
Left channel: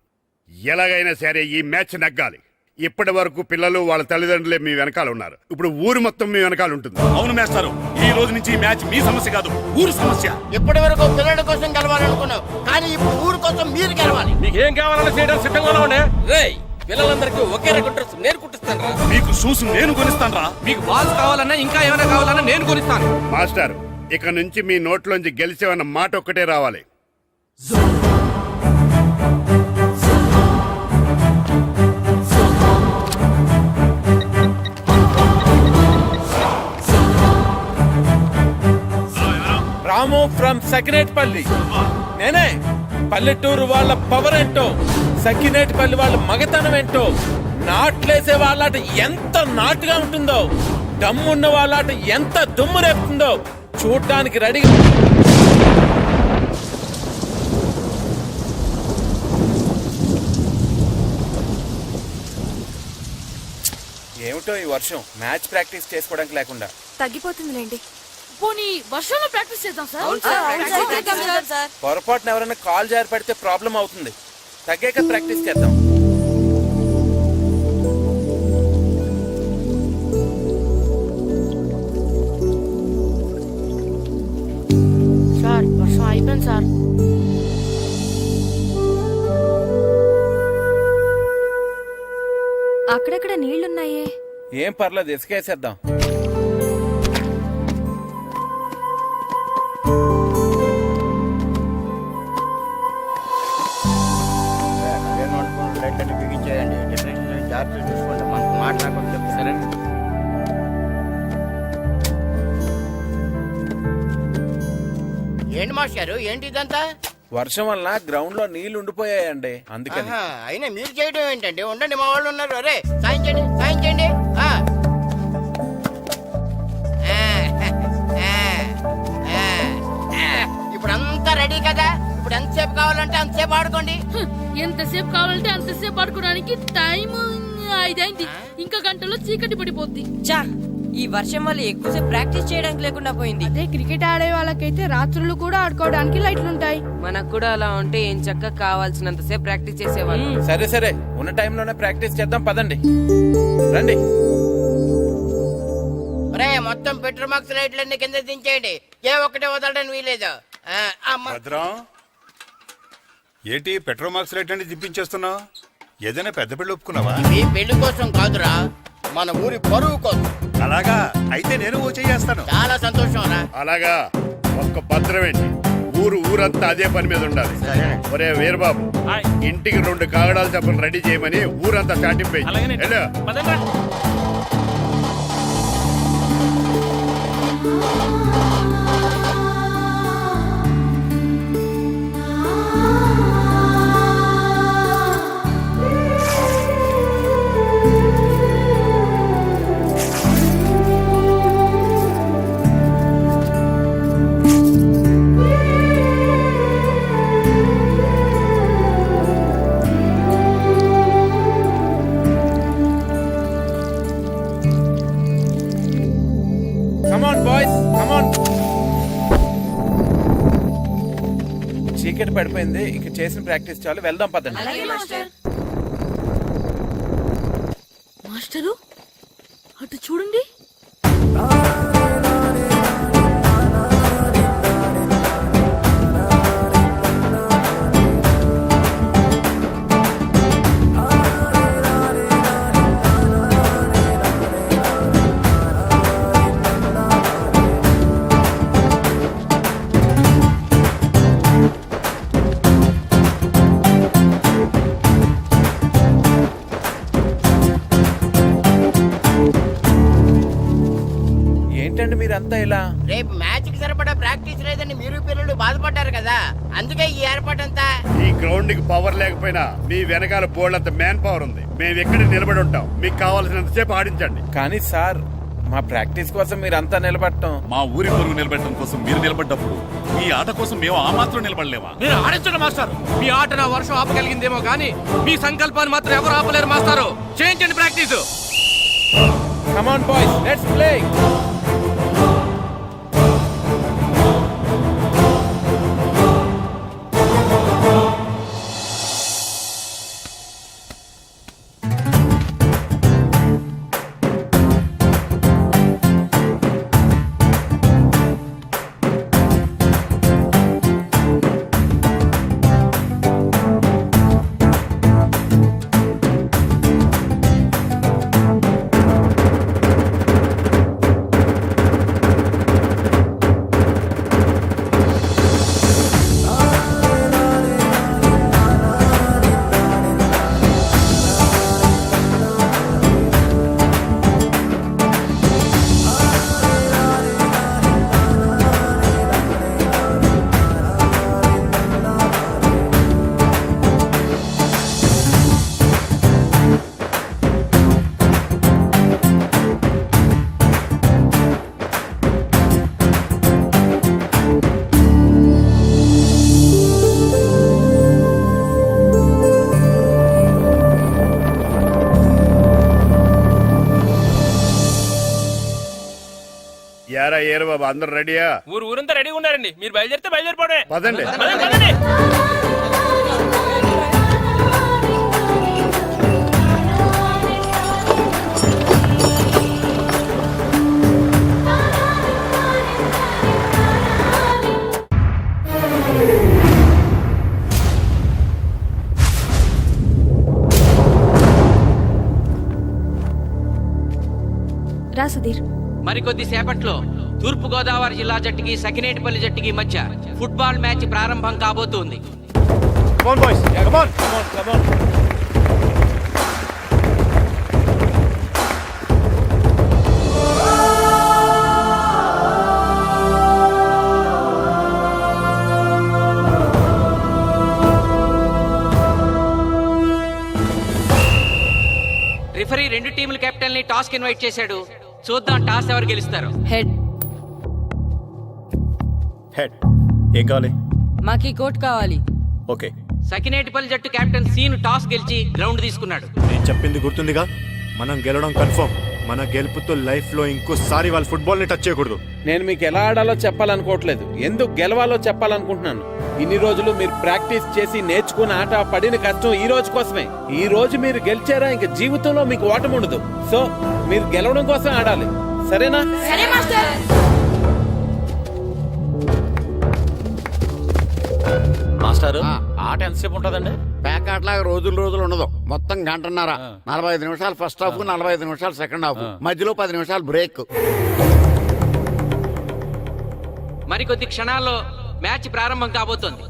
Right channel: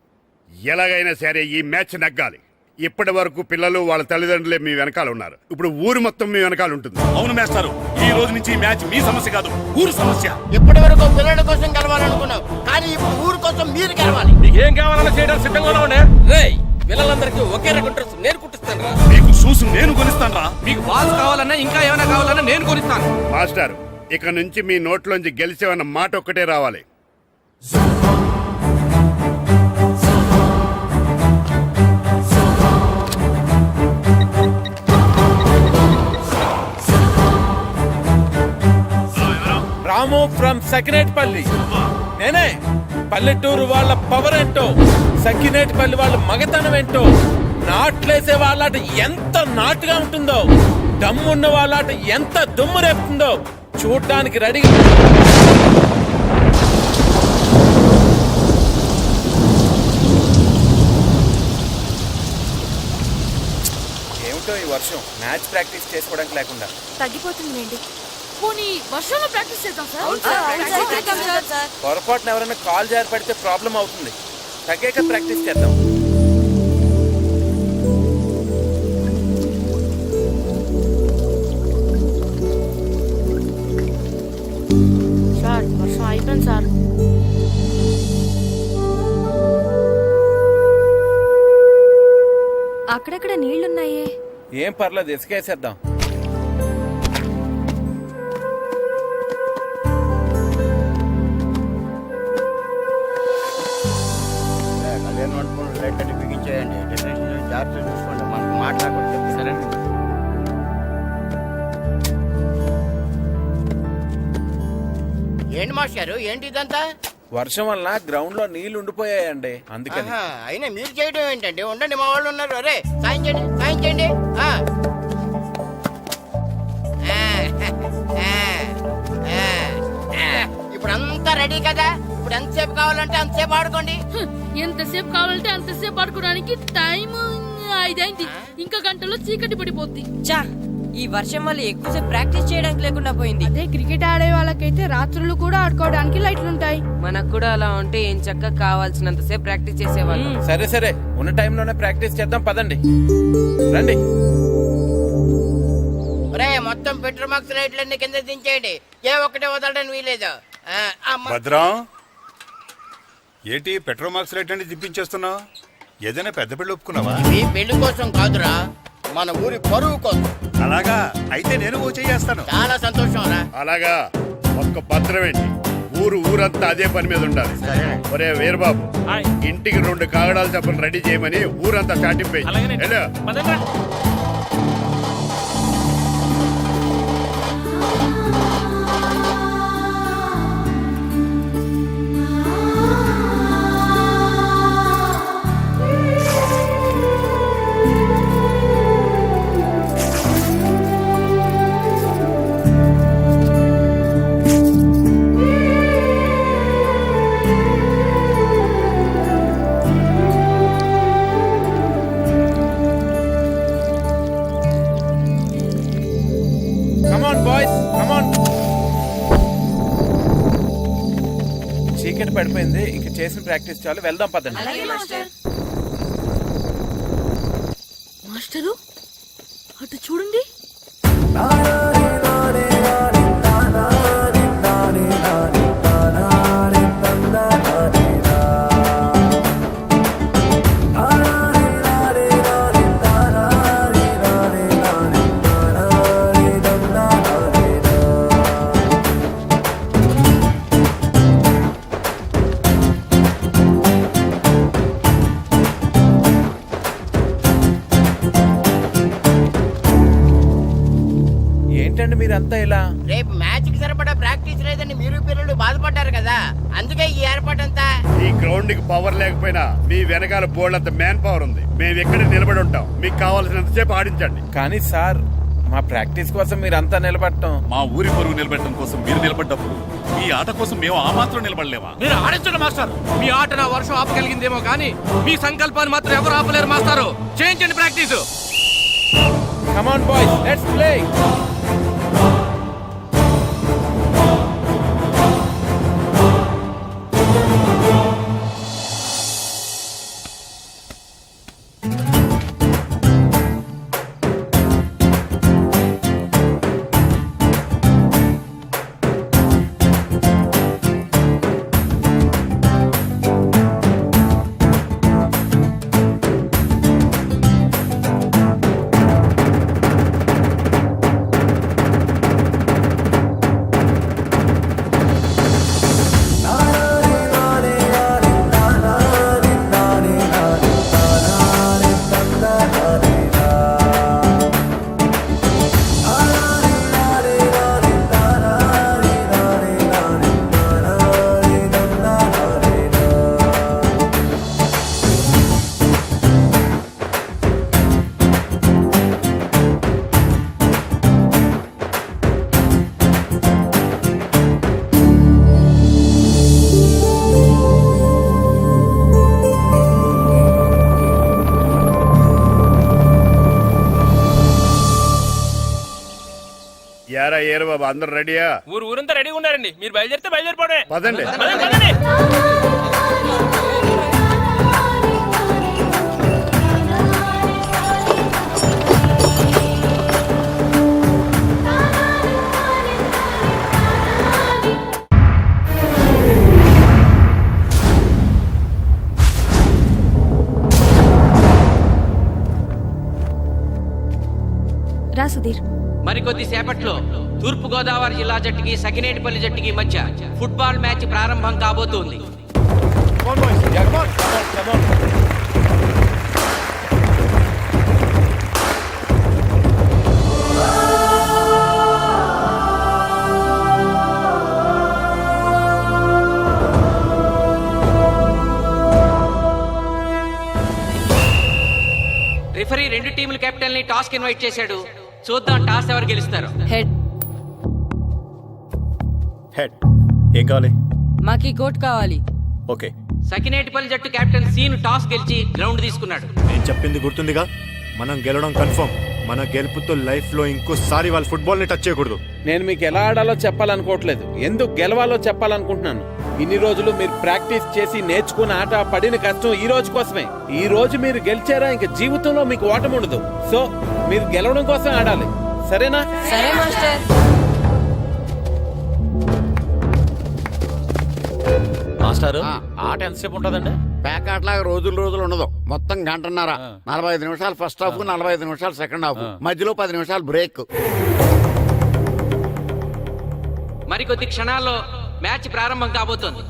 ఎలాగైనా సరే ఈ మ్యాచ్ నగ్గాలి. ఇప్పటి వరకు పిల్లలు వాళ్ళ తల్లిదండ్రులే మీ వెనకాల ఉన్నారు. ఇప్పుడు ఊరు మొత్తం మీ వెనకాల ఉంటుంది. అవును మేస్టారు, ఈ రోజు నుంచి ఈ మ్యాచ్ మీ సమస్య కాదు, ఊరు సమస్య. ఇప్పటి వరకు పిల్లల కోసం గెలవాలనుకున్నావు, కానీ ఇప్పుడు ఊరు కోసం మీరు గెలవాలి. మీకు ఏం కావాలన్నా చేయడానికి సిద్ధంగా ఉండే. రేయ్, పిల్లలందరికీ ఒకే రకం డ్రెస్ నేను కుట్టిస్తాను రా. మీకు షూస్ నేను కొనిస్తాను రా. మీకు బాల్స్ కావాలన్నా ఇంకా ఏమైనా కావాలన్నా నేను కొనిస్తాను. మాస్టర్, ఇక నుంచి మీ నోట్లోంచి గెలిచేవన్న మాట ఒక్కటే రావాలి. రాము ఫ్రమ్ సకినేటిపల్లి. నేనే. పల్లెటూరు వాళ్ళ పవర్ ఏంటో, సకినేటిపల్లి వాళ్ళ మగతనం ఏంటో, నాట్లేసే వాళ్ళాట ఎంత నాటుగా ఉంటుందో, దమ్మున్న వాళ్ళాట ఎంత దుమ్ము రేపుతుందో చూడ్డానికి రెడీగా. ఏమిటో ఈ వర్షం, మ్యాచ్ ప్రాక్టీస్ చేసుకోవడానికి లేకుండా. తగ్గిపోతుందిలేండి. పోనీ వర్షంలో ప్రాక్టీస్ చేద్దాం సార్. పొరపాటున ఎవరైనా కాల్ జారి పడితే ప్రాబ్లం అవుతుంది. తగ్గాక ప్రాక్టీస్ చేద్దాం. సార్ వర్షం అయిపోయింది సార్. అక్కడక్కడ నీళ్లున్నాయే. ఏం పర్లేదు, ఇసుకేసేద్దాం. కళ్యాణ్ వండుకున్న లైట్లన్నీ బిగించేయండి. డెకరేషన్ జాగ్రత్తగా చూసుకోండి, మనకు మాట్లాడకుండా చెప్తాను. సరేనండి. ఏంటి మాస్టారు, ఏంటి ఇదంతా? వర్షం వల్ల గ్రౌండ్ లో నీళ్లు ఉండిపోయాయండి, అందుకని. ఆహా, అయినా మీరు చేయడం ఏంటండి? ఉండండి, మా వాళ్ళు ఉన్నారు. అరే సాయం చేయండి, సాయం చేయండి. ఇప్పుడు అంతా రెడీ కదా? ఇప్పుడు ఎంతసేపు కావాలంటే అంతసేపు ఆడుకోండి. ఎంతసేపు కావాలంటే అంతసేపు ఆడుకోవడానికి టైం 5 అయింది. ఇంకా గంటలో చీకటి పడిపోద్ది. ఈ వర్షం వల్ల ఎక్కువసేపు ప్రాక్టీస్ చేయడానికి లేకుండా పోయింది. అదే క్రికెట్ ఆడే వాళ్ళకైతే రాత్రులు కూడా ఆడుకోవడానికి లైట్లు ఉంటాయి. మనకు కూడా అలా ఉంటే ఏం చక్కగా కావాల్సినంతసేపు ప్రాక్టీస్ చేసేవాళ్ళు. సరే సరే, ఉన్న టైంలోనే ప్రాక్టీస్ చేద్దాం, పదండి. రండి. ఒరే, మొత్తం పెట్రోల్ మార్క్స్ లైట్లన్నీ కింద దించేయండి. ఏ ఒక్కటే వదలడానికి వీలేదు. భద్రం, ఏంటి పెట్రోల్ మార్క్స్ రేట్ అంటే దిప్పించేస్తున్నావు? ఏదైనా పెద్ద పెళ్లి ఒప్పుకున్నావా? ఇవి పెళ్లి కోసం కాదురా, మన ఊరి పరువు కోసం. అలాగా అయితే నేను ఓ చేస్తాను. చాలా సంతోషం రా. అలాగా, ఒక్క భద్రం ఏంటి, ఊరంతా అదే పని మీద ఉండాలి. ఒరే వీరబాబు, ఇంటికి 2 కాగడాలు చెప్పని రెడీ చేయమని ఊరంతా చాటింపేయి. చీకటి పడిపోయింది, ఇక చేసిన ప్రాక్టీస్ చాలు, వెళ్దాం పదండి. మాస్టరు అటు చూడండి. ఏంటండి మీరంతా ఇలా? రేపు మ్యాచ్ కి సరిపడా ప్రాక్టీస్ లేదని మీరు పిల్లలు బాధపడ్డారు కదా, అందుకే ఈ ఏర్పాటంతా. ఈ గ్రౌండ్ కి పవర్ లేకపోయినా మీ వెనకాల బోర్డు అంత మ్యాన్ పవర్ ఉంది. మేము ఎక్కడ నిలబడి ఉంటాం, మీకు కావాల్సినంతసేపు ఆడించండి. కానీ సార్ మా ప్రాక్టీస్ కోసం మీరంతా నిలబడటం. మా ఊరి పరువు నిలబెట్టడం కోసం మీరు నిలబడ్డప్పుడు మీ ఆట కోసం మేము ఆ మాత్రం నిలబడలేమా? మీరు ఆడించండి మాస్టర్. మీ ఆట నా వర్షం ఆపగలిగిందేమో కానీ మీ సంకల్పాన్ని మాత్రం ఎవరు ఆపలేరు మాస్టారు. చేయించండి practice. Come on boys, let's play. యారా ఏరు బాబు, అందరు రెడీయా? ఊరంతా రెడీగా ఉన్నారండి. మీరు బయలుదేరితే బయలుదేరిపోవడమే. పదండి. రా సుధీర్. మరికొద్ది సేపట్లో తూర్పు గోదావరి జిల్లా జట్టుకి సకినేటిపల్లి జట్టుకి మధ్య ఫుట్బాల్ మ్యాచ్ ప్రారంభం కాబోతోంది. రిఫరీ రెండు టీముల కెప్టెన్ ని టాస్ కి ఇన్వైట్ చేశాడు. చూద్దాం టాస్ ఎవరు గెలుస్తారు. హెడ్. హెడ్. ఏం కావాలి? మాకి కోట్ కావాలి. ఓకే. సకినేటిపల్లి జట్టు కెప్టెన్ సీను టాస్ గెలిచి గ్రౌండ్ తీసుకున్నాడు. నేను చెప్పింది గుర్తుందిగా, మనం గెలవడం కన్ఫర్మ్. మన గెలుపుతో లైఫ్ లో ఇంకోసారి వాళ్ళ ఫుట్బాల్ ని టచ్ చేయకూడదు. నేను మీకు ఎలా ఆడాలో చెప్పాలనుకోవట్లేదు, ఎందుకు గెలవాలో చెప్పాలనుకుంటున్నాను. ఇన్ని రోజులు మీరు ప్రాక్టీస్ చేసి నేర్చుకున్న ఆట పడిన కష్టం ఈ రోజు కోసమే. ఈ రోజు మీరు గెలిచారా ఇంక జీవితంలో మీకు ఓటమి ఉండదు. సో మీరు గెలవడం కోసం ఆడాలి, సరేనా? మాస్టారు, ఆట ఎంతసేపు ఉంటుందండి? పేకాట్లాగా రోజులు ఉండదు. మొత్తం గంటన్నర. 45 నిమిషాలు ఫస్ట్ హాఫ్, 45 నిమిషాలు సెకండ్ హాఫ్, మధ్యలో 10 నిమిషాలు బ్రేక్. మరికొద్ది క్షణాల్లో మ్యాచ్ ప్రారంభం కాబోతోంది.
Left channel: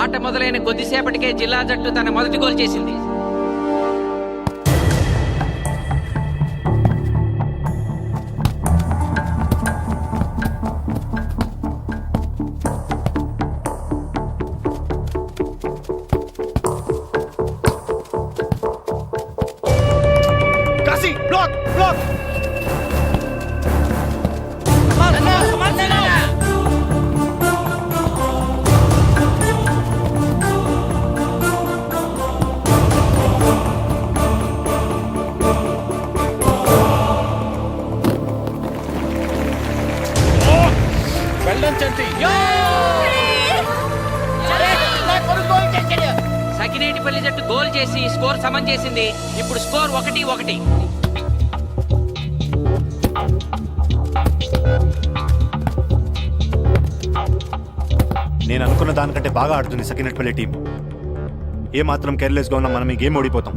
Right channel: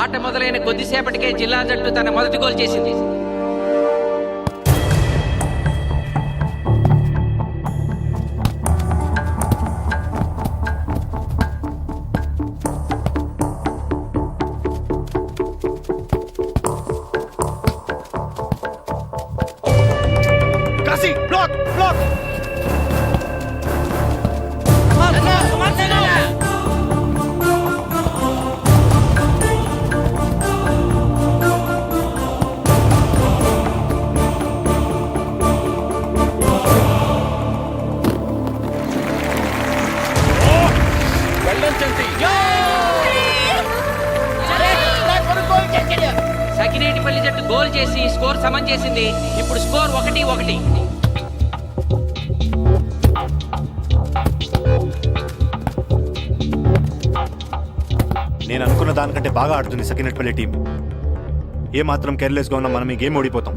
ఆట మొదలైన కొద్దిసేపటికే జిల్లా జట్టు తన మొదటి గోల్ చేసింది. Kashi block block. వెళ్ళండి. సకినేటిపల్లి జట్టు గోల్ చేసి స్కోర్ సమం చేసింది. ఇప్పుడు స్కోర్ 1-1. నేను అనుకున్న దానికంటే బాగా ఆడుతుంది సకినేటిపల్లి టీం. ఏ మాత్రం కేర్లెస్గా ఉన్నా మనం ఈ గేమ్ ఓడిపోతాం.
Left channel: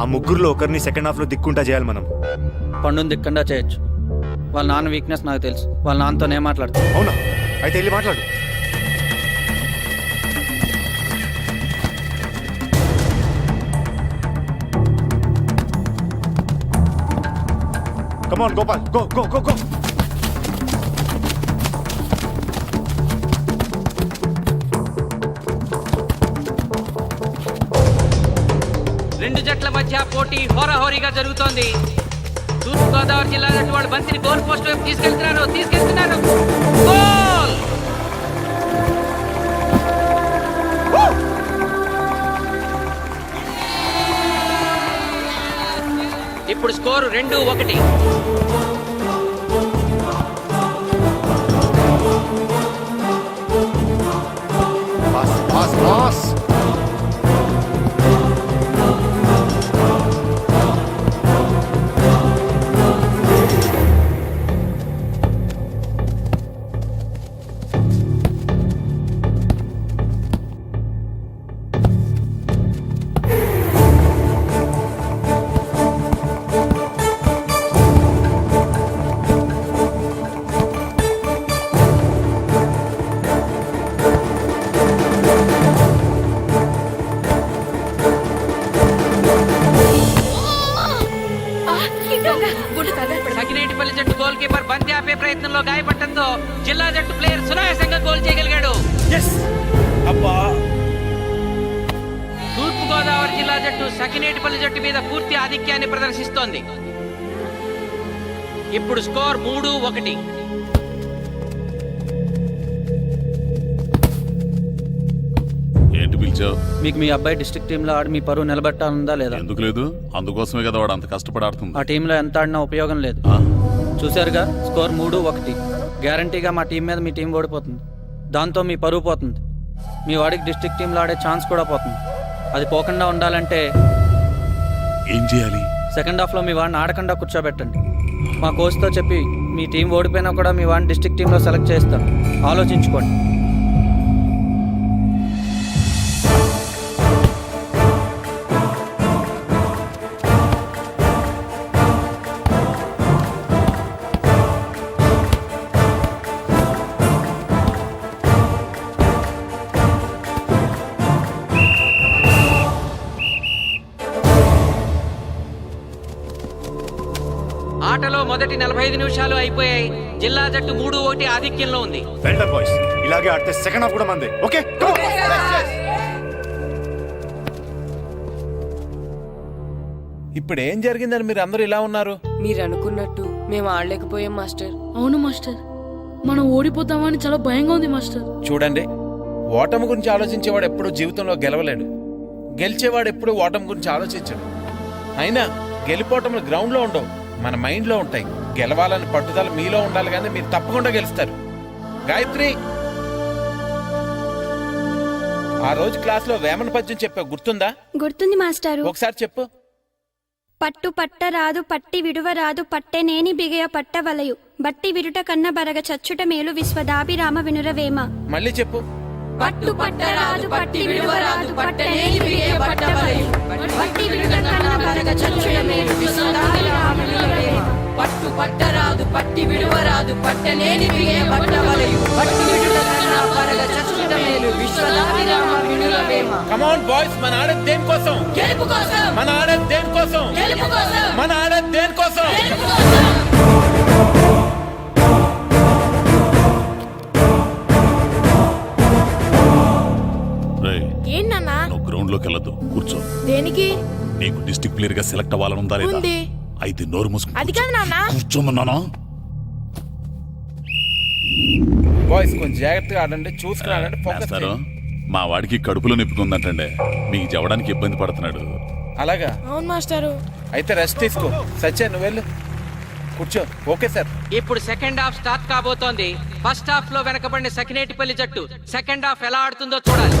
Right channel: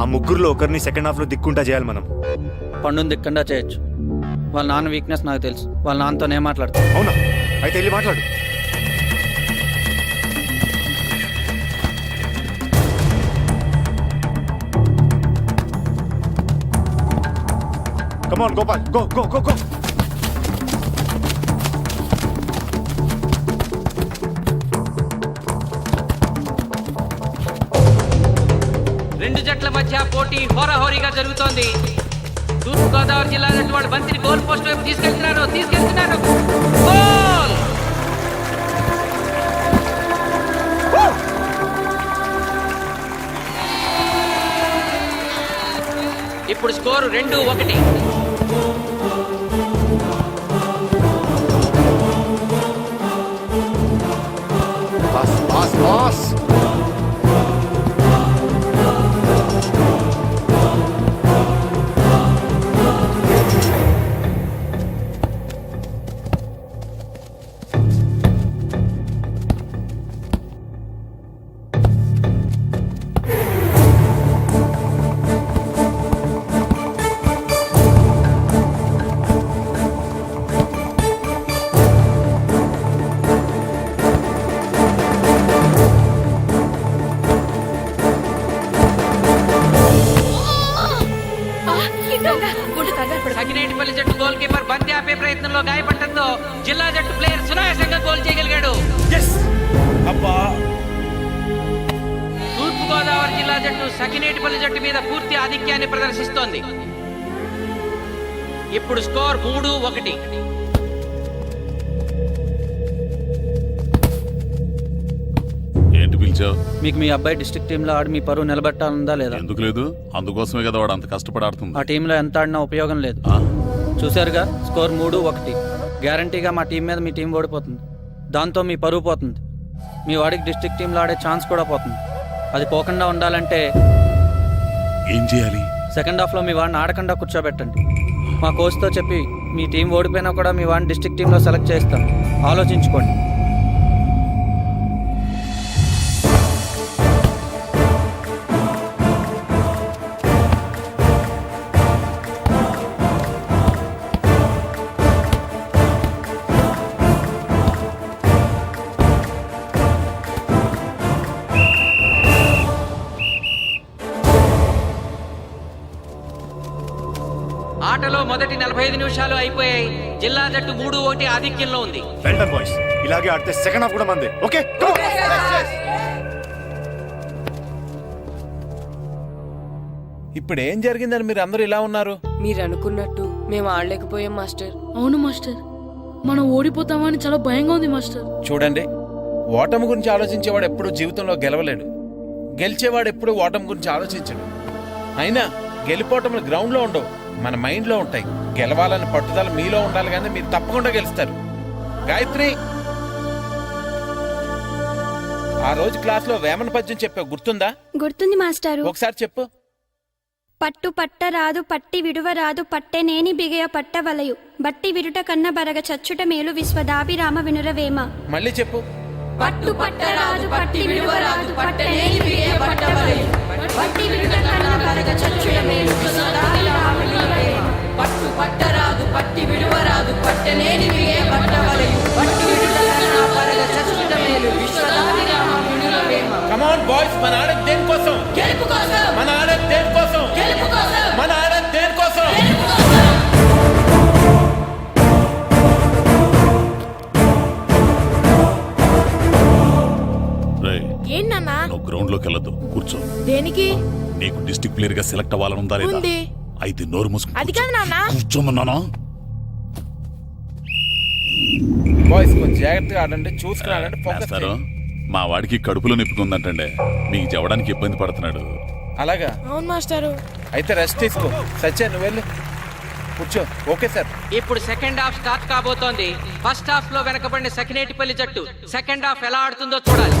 ఆ ముగ్గురులో ఒకరిని సెకండ్ హాఫ్లో దిక్కుంటా చేయాలి మనం. పండుని దిక్కుండా చేయొచ్చు. వాళ్ళ నాన్న వీక్నెస్ నాకు తెలుసు. వాళ్ళ నాన్నతో నేను మాట్లాడతాను. అవునా? అయితే వెళ్ళి మాట్లాడు. Come on, Gopal. Go, go, go, go. రెండు జట్ల మధ్య పోటీ హోరాహోరీగా జరుగుతోంది. తూర్పుగోదావరి జిల్లా జట్టు వాళ్ళు బంతిని గోల్ పోస్ట్ వైపు తీసుకెళ్తున్నారు. గోల్! ఇప్పుడు score 2-1. Pass, pass, pass. Sakinetipalli జట్టు గోల్ కీపర్ బంతి ఆపే ప్రయత్నంలో గాయపడటంతో జిల్లా జట్టు ప్లేయర్ సునాయాసంగా గోల్ చేయగలిగాడు. తూర్పుగోదావరి జిల్లా జట్టు సకినేటిపల్లి జట్టు మీద పూర్తి ఆధిక్యాన్ని ప్రదర్శిస్తోంది. ఇప్పుడు స్కోర్ 3-1. ఏంటి పిలిచావు? మీకు మీ అబ్బాయి డిస్ట్రిక్ట్ టీంలో ఆడి మీ పరువు నిలబెట్టాలందా లేదా? ఎందుకు లేదు? అందుకోసమే కదా వాడు అంత కష్టపడి ఆడుతుంది. ఆ టీంలో ఎంత ఆడినా ఉపయోగం లేదు. చూశారుగా, స్కోర్ 3-1. గ్యారంటీగా మా టీం మీద మీ టీం ఓడిపోతుంది. దాంతో మీ పరువు పోతుంది. మీ వాడికి డిస్ట్రిక్ట్ టీంలో ఆడే ఛాన్స్ కూడా పోతుంది. అది పోకుండా ఉండాలంటే ఏం చేయాలి? సెకండ్ హాఫ్లో మీ వాడిని ఆడకుండా కూర్చోబెట్టండి. మా కోచ్తో చెప్పి మీ టీం ఓడిపోయినా కూడా మీ వాడిని డిస్ట్రిక్ట్ టీంలో సెలెక్ట్ చేస్తాం. ఆలోచించుకోండి. ఆటలో మొదటి 45 నిమిషాలు అయిపోయాయి. జిల్లా జట్టు 3-1 ఆధిక్యంలో ఉంది. Well done boys. ఇలాగే ఆడితే సెకండ్ హాఫ్ కూడా మందే. ఓకే, ఇప్పుడు ఏం జరిగిందని మీరు అందరూ ఇలా ఉన్నారు? మీరు అనుకున్నట్టు మేము ఆడలేకపోయాం మాస్టర్. అవును మాస్టర్, మనం ఓడిపోతామని చాలా భయంగా ఉంది మాస్టర్. చూడండి, ఓటమి గురించి ఆలోచించేవాడు ఎప్పుడు జీవితంలో గెలవలేడు. గెలిచేవాడు ఎప్పుడు ఓటమి గురించి ఆలోచించడు. అయినా గెలిపోవటములు గ్రౌండ్లో ఉండవు, మన మైండ్లో ఉంటాయి. గెలవాలని పట్టుదల మీలో ఉండాలి, కానీ మీరు తప్పకుండా గెలుస్తారు. గాయత్రి, ఆ రోజు క్లాస్లో వేమన పద్యం చెప్పావు, గుర్తుందా? గుర్తుంది మాస్టారు. ఒకసారి చెప్పు. పట్టు పట్టరాదు పట్టి విడువరాదు పట్టెనేని బిగయ పట్టవలయు బట్టి విడుట కన్న బరగ చచ్చుట మేలు విశ్వదాభిరామ వినురవేమ. మళ్ళీ చెప్పు. పట్టు పట్టరాదు పట్టి విడువరాదు పట్టనేని బిగయ పట్టవలయు బట్టి విడుట కన్న బరగ చచ్చుట మేలు విశ్వదాభిరామ వినురవేమ. పట్టు పట్టరాదు పట్టి విడువరాదు పట్టనేని బిగయ పట్టవలయు బట్టి విడుట కన్న బరగ చచ్చుట మేలు విశ్వదాభిరామ వినురవేమ. కమ్ ఆన్ బాయ్స్, మన ఆడేది దేనికోసం? గెలుపు కోసం. మన ఆడేది దేనికోసం? గెలుపు కోసం. మన ఆడేది దేనికోసం? గెలుపు కోసం. ఏంటన్నా నువ్వు గ్రౌండ్ లోకి వెళ్ళదు, కూర్చో. దేనికి? నీకు డిస్ట్రిక్ట్ ప్లేయర్ గా సెలెక్ట్ అవ్వాలనుందా లేదా? అయితే నోరు మూసుకుని అది కాదు నాన్న. కూర్చోమన్నానా? బాయ్స్ కొంచెం జాగ్రత్తగా ఆడండి, చూసుకుని ఆడండి, ఫోకస్ చేయండి. మా వాడికి కడుపులో నొప్పికుందంటండే, మీకు చెప్పడానికి ఇబ్బంది పడుతున్నాడు. అలాగా? అవును మాస్టారు. అయితే రెస్ట్ తీసుకో. సత్య, నువ్వు వెళ్ళు. కూర్చో. Okay sir. ఇప్పుడు సెకండ్ హాఫ్ స్టార్ట్ కాబోతోంది. ఫస్ట్ హాఫ్ లో వెనకబడిన సకినేటిపల్లి జట్టు సెకండ్ హాఫ్ ఎలా ఆడుతుందో చూడాలి.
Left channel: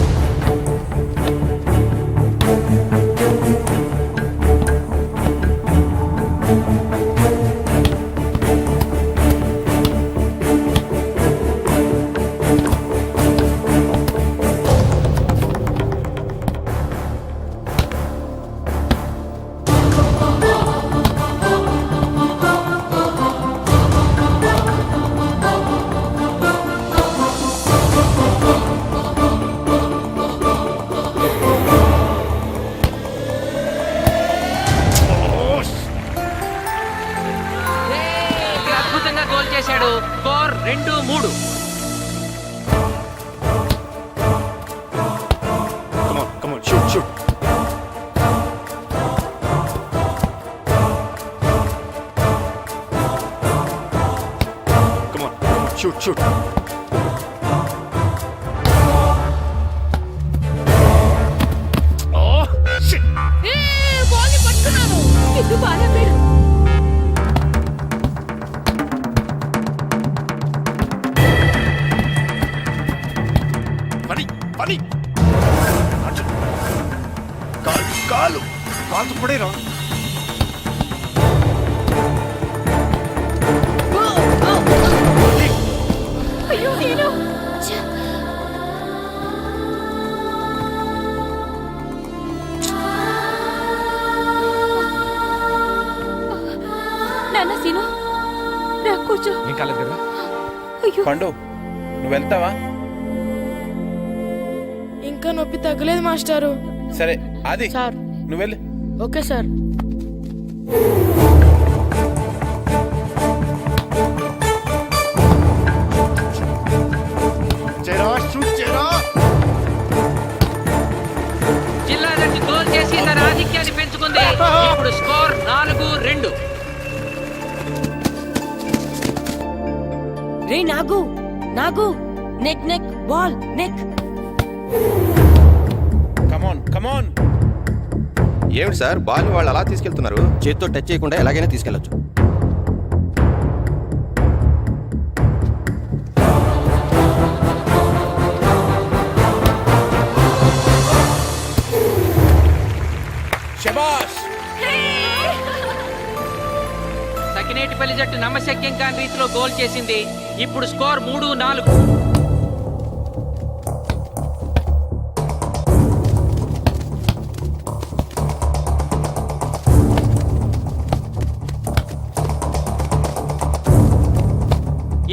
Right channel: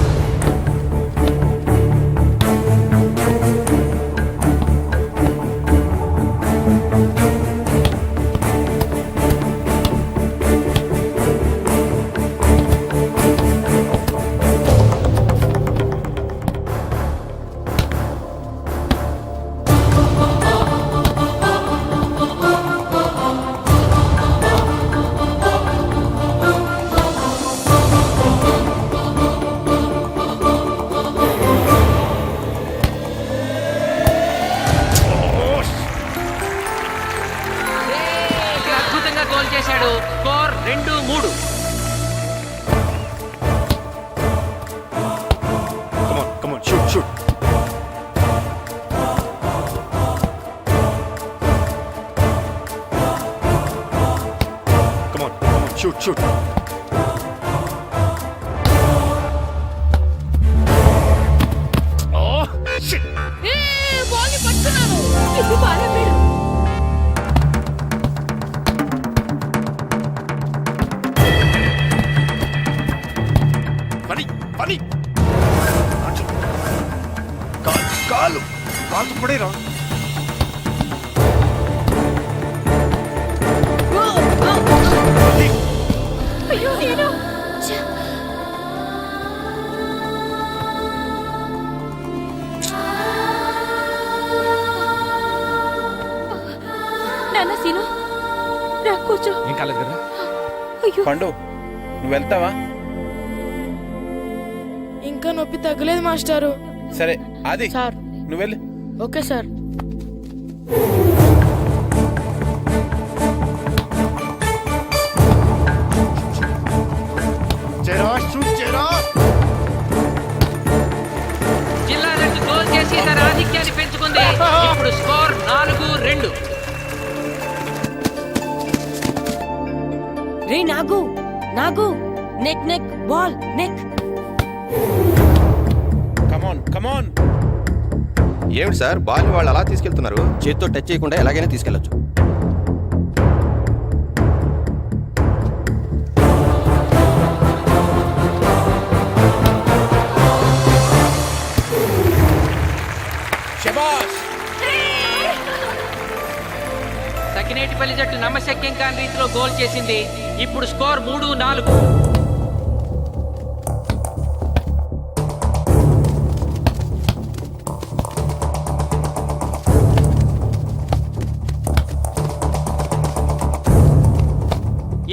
అద్భుతంగా గోల్ చేశాడు. Score 2-3. Come on, shoot. Come on, shoot. Oh, shit. Ball పట్టుకున్నాను. ఇది బాగా వీడు. పని కాలు పడేరా. అయ్యో నేను నాన్న సీను రా కూర్చో. ఏం కాలేదు కదా అయ్యో పండు, నువ్వు వెళ్తావా? ఇంకా నొప్పి తగ్గలేదు మాస్టారు. సరే అది సార్ నువ్వు వెళ్ళి. Okay sir. జిల్లా జట్టు గోల్ చేసి తన ఆధిక్యాన్ని పెంచుకుంది. ఇప్పుడు స్కోర్ 4-2. రే నాగు నెక్ బాల్ నెక్. కమాన్. ఏమిటి సార్, బాల్ వాళ్ళు అలా తీసుకెళ్తున్నారు? చేతితో టచ్ చేయకుండా ఎలాగైనా తీసుకెళ్లొచ్చు. శబాష్. సకినేటిపల్లి జట్టు నమ్మశక్యం కాని రీతిలో గోల్ చేసింది. ఇప్పుడు స్కోర్ 3-4.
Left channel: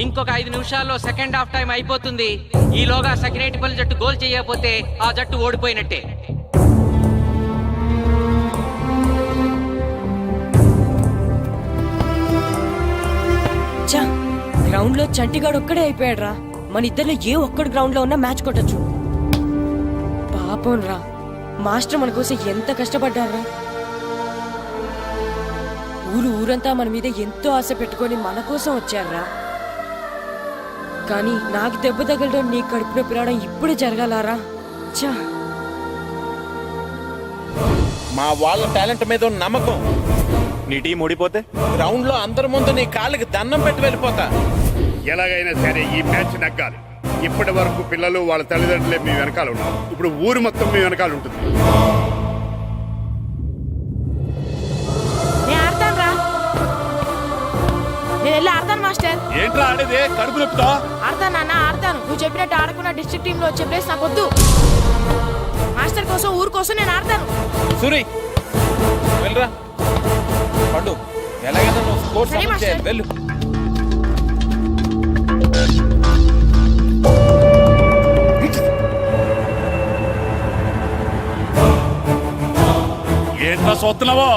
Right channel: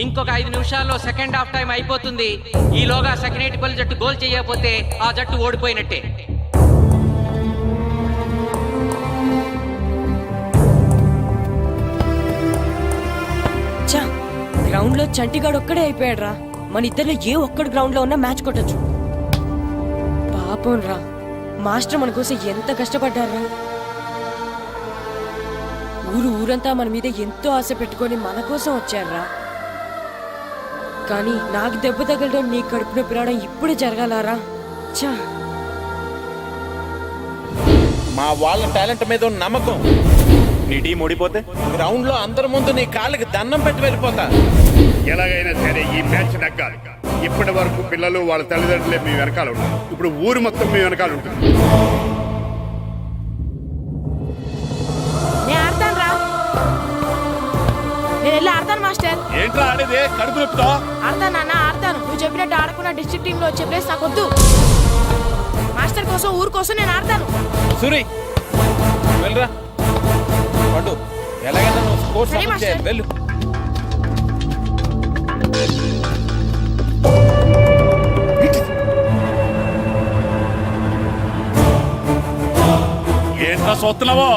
ఇంకొక 5 నిమిషాల్లో సెకండ్ హాఫ్ టైం అయిపోతుంది. ఈలోగా సకినేటిపల్లి జట్టు గోల్ చేయకపోతే ఆ జట్టు ఓడిపోయినట్టే. గ్రౌండ్ లో చంటిగాడు ఒక్కడే అయిపోయాడు రా. మన ఇద్దరిలో ఏ ఒక్కడు గ్రౌండ్ లో ఉన్నా మ్యాచ్ కొట్టచ్చు. పాపం రా, మాస్టర్ మన కోసం ఎంత కష్టపడ్డారా. ఊరంతా మన మీద ఎంతో ఆశ పెట్టుకొని మన కోసం వచ్చారా. కానీ నాకు దెబ్బ తగలడం, నీ కడుపు నొప్పి రావడం ఇప్పుడే జరగాలారా. చా, మా వాళ్ళ టాలెంట్ మీద ఉన్న నమ్మకం. నీ టీం ఓడిపోతే గ్రౌండ్ లో అందరి ముందు నీ కాళ్ళకి దండం పెట్టి వెళ్ళిపోతా. ఎలాగైనా సరే ఈ మ్యాచ్ నగ్గాలి. ఇప్పటి వరకు పిల్లలు వాళ్ళ తల్లిదండ్రులే మీ వెనకాల ఉన్నారు. ఇప్పుడు ఊరు మొత్తం మీ వెనకాల ఉంటుంది. నేను ఆడతాను రా. నేను వెళ్ళి ఆడతాను మాస్టర్. ఏంట్రా ఆడేదే కడుపు నొప్పితో? ఆడతాను నాన్న, ఆడతాను. నువ్వు చెప్పినట్టు ఆడకుండా డిస్ట్రిక్ట్ టీమ్ లో వచ్చే ప్లేస్ నాకు వద్దు. మాస్టర్ కోసం, ఊరు కోసం నేను ఆడతాను. సూరి వెళ్ళరా. పండు, ఎలాగైనా నువ్వు స్కోర్ సరే, సమన్ మాస్టర్. చేయాలి. వెళ్ళు. ఏంట్రా చూస్తున్నావో?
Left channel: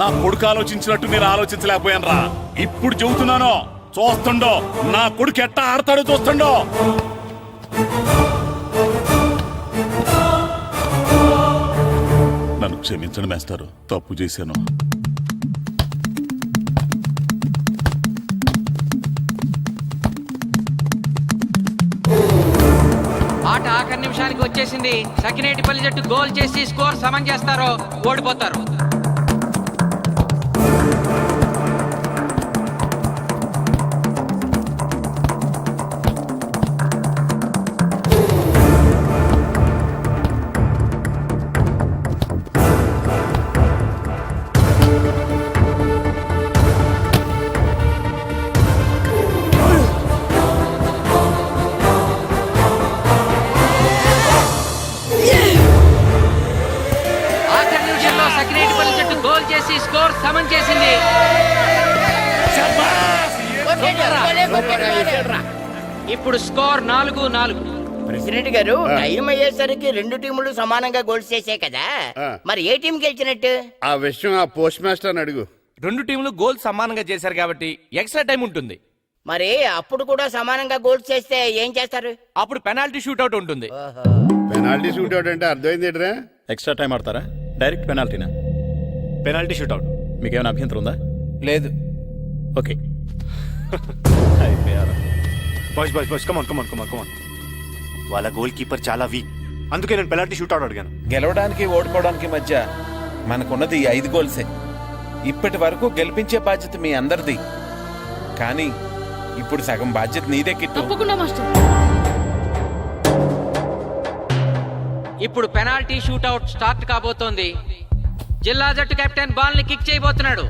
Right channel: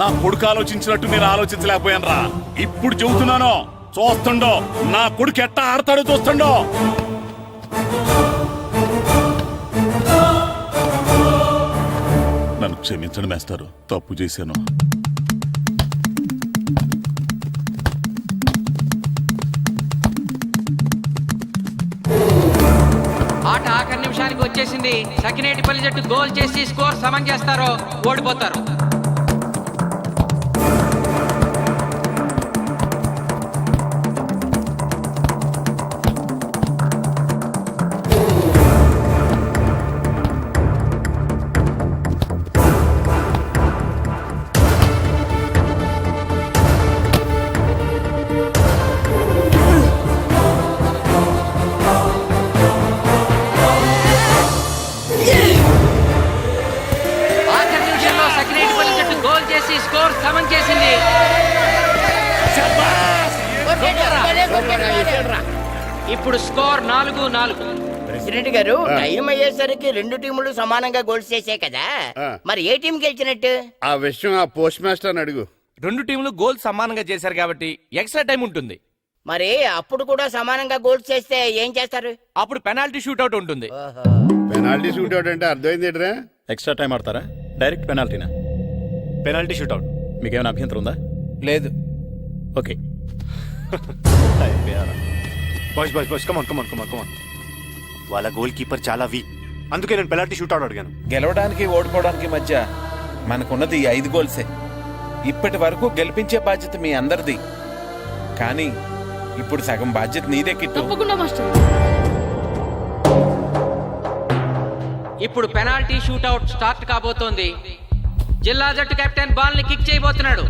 నా కొడుకు ఆలోచించినట్టు నేను ఆలోచించలేకపోయాను రా. ఇప్పుడు చెబుతున్నాను, చూస్తుండో నా కొడుకు ఎట్టా ఆడతాడో చూస్తుండో. నన్ను క్షమించండి మేస్టారు, తప్పు చేశాను. ఆట ఆఖరి నిమిషానికి వచ్చేసింది. సకినేటిపల్లి జట్టు గోల్ చేసి స్కోర్ సమం చేస్తారో ఓడిపోతారు. చేసి స్కోర్ సమన్ చేసింది. ఇప్పుడు స్కోర్ 4-4. ప్రెసిడెంట్ గారు, టైం అయ్యేసరికి రెండు టీములు సమానంగా గోల్స్ చేసాయి కదా, మరి ఏ టీం గెలిచినట్టు? ఆ విషయం ఆ పోస్ట్ మాస్టర్ అడుగు. రెండు టీంలు గోల్ సమానంగా చేశారు కాబట్టి ఎక్స్ట్రా టైం ఉంటుంది. మరి అప్పుడు కూడా సమానంగా గోల్స్ చేస్తే ఏం చేస్తారు? అప్పుడు పెనాల్టీ షూట్అవుట్ ఉంటుంది. పెనాల్టీ షూట్అవుట్ అంటే అర్థమైంది ఏంట్రా? ఎక్స్ట్రా టైం ఆడతారా, డైరెక్ట్ పెనాల్టీనా? Penalty shootout. మీకేమైనా అభ్యంతరం ఉందా? లేదు. Okay. Boys boys boys come on come on come on come on. వాళ్ళ గోల్ కీపర్ చాలా వీక్, అందుకే నేను పెనాల్టీ షూట్అవుట్ అడిగాను. గెలవడానికి ఓడిపోవడానికి మధ్య మనకున్నది 5 గోల్సే. ఇప్పటి వరకు గెలిపించే బాధ్యత మీ అందరిది, కానీ ఇప్పుడు సగం బాధ్యత నీదే కిట్టు. ఇప్పుడు పెనాల్టీ షూట్అవుట్ స్టార్ట్ కాబోతోంది. జిల్లా జట్టు కెప్టెన్ బాల్ ని కిక్ చేయబోతున్నాడు.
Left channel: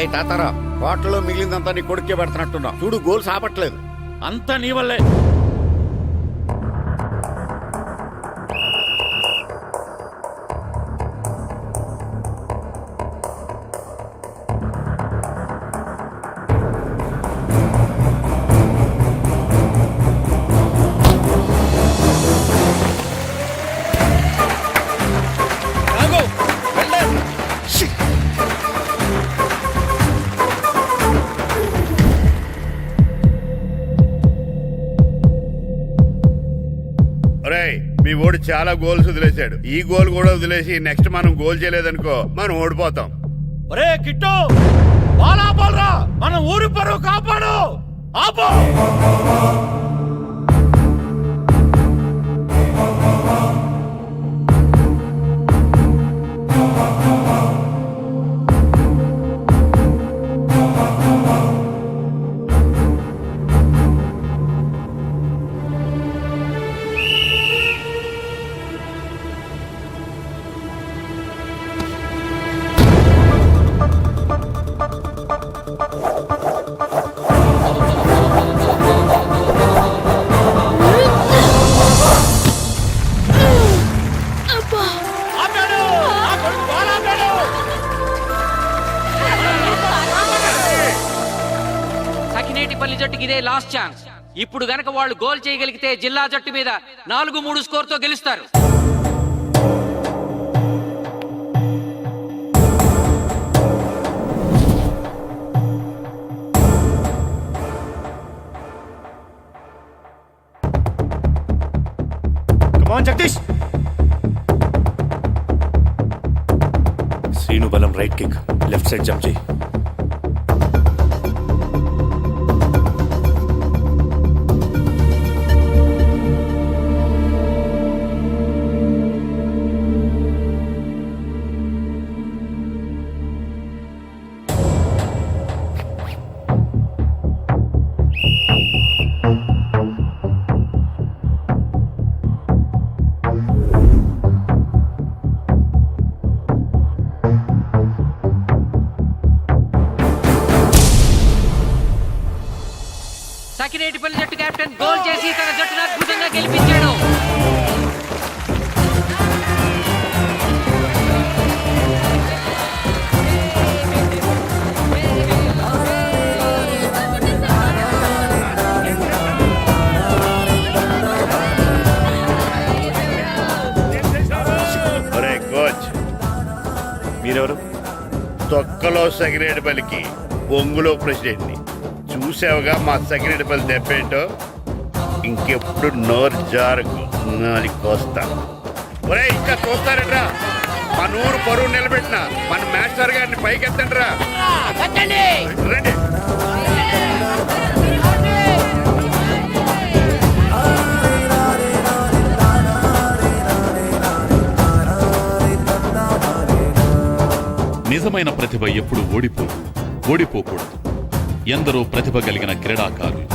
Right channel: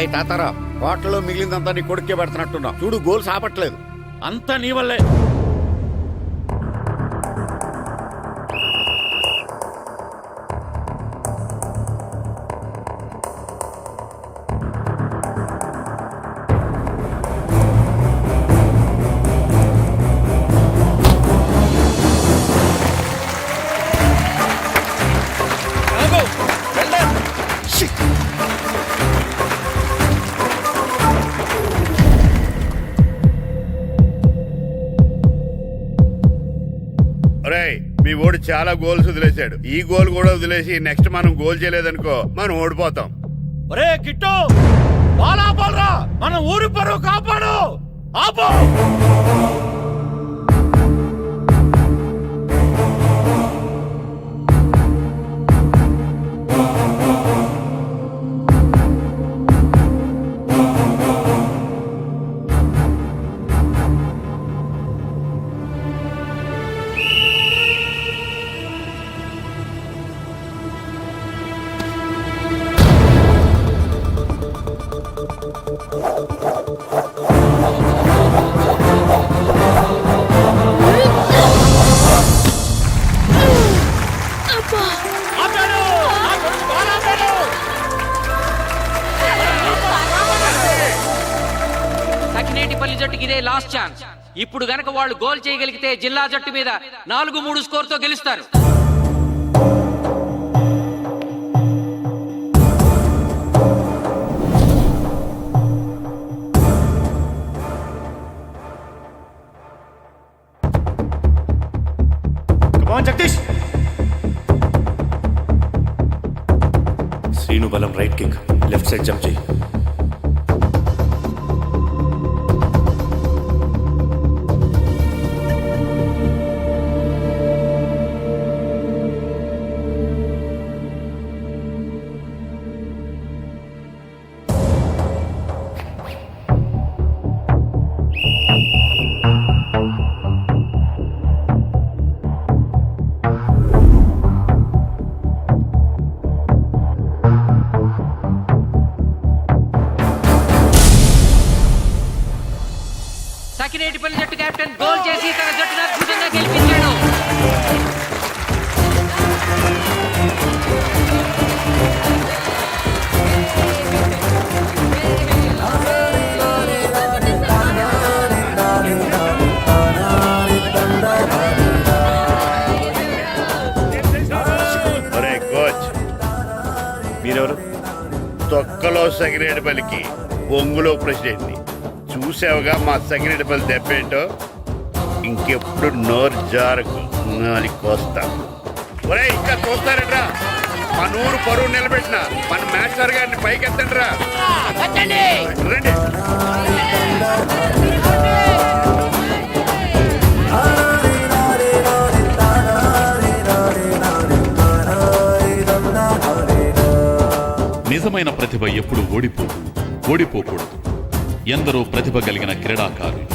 ఏ తాతారా, హోటల్లో మిగిలిందంతా నీ కొడుకే పెడుతున్నట్టున్నావు. చూడు, గోల్స్ ఆపట్లేదు. అంతా నీ వల్లే. ఒరేయ్, మీ ఓడి చాలా గోల్స్ వదిలేశాడు. ఈ గోల్ కూడా వదిలేసి నెక్స్ట్ మనం గోల్ చేయలేదనుకో మనం ఓడిపోతాం. ఒరే కిట్టు, బాల్ ఆపాలరా, మన ఊరి పరువు కాపాడు. ఆపు. సఖినేటిపల్లి జట్టుకి ఇదే లాస్ట్ ఛాన్స్. ఇప్పుడు గనక వాళ్ళు గోల్ చేయగలిగితే జిల్లా జట్టు మీద 4-3 స్కోర్తో గెలుస్తారు. జగదీష్, శ్రీను బలం right kick, left side jump చేయి. సకినేటిపల్లి జట్టు కెప్టెన్ గోల్ చేసి తన జట్టును అద్భుతంగా గెలిపించాడు. ఒరే కోచ్, మీరెవరు? తొక్కలో సగిరేడుపల్లికి బొంగులో ప్రెసిడెంట్ని. చూసావుగా మా సగిరేడుపల్లి దెబ్బేంటో. ఇంకెప్పుడు నోరు జారకు నాలికొస్తా. ఒరే ఇంకా చూస్తారట్రా, మన ఊరు పరువు నిలబెట్టిన మన మాస్టర్ గారిని పైకెత్తండి రా. రండి. నిజమైన ప్రతిభ ఎప్పుడు ఓడిపోదు, ఓడిపోకూడదు. ఎందరో ప్రతిభ కలిగిన క్రీడాకారులు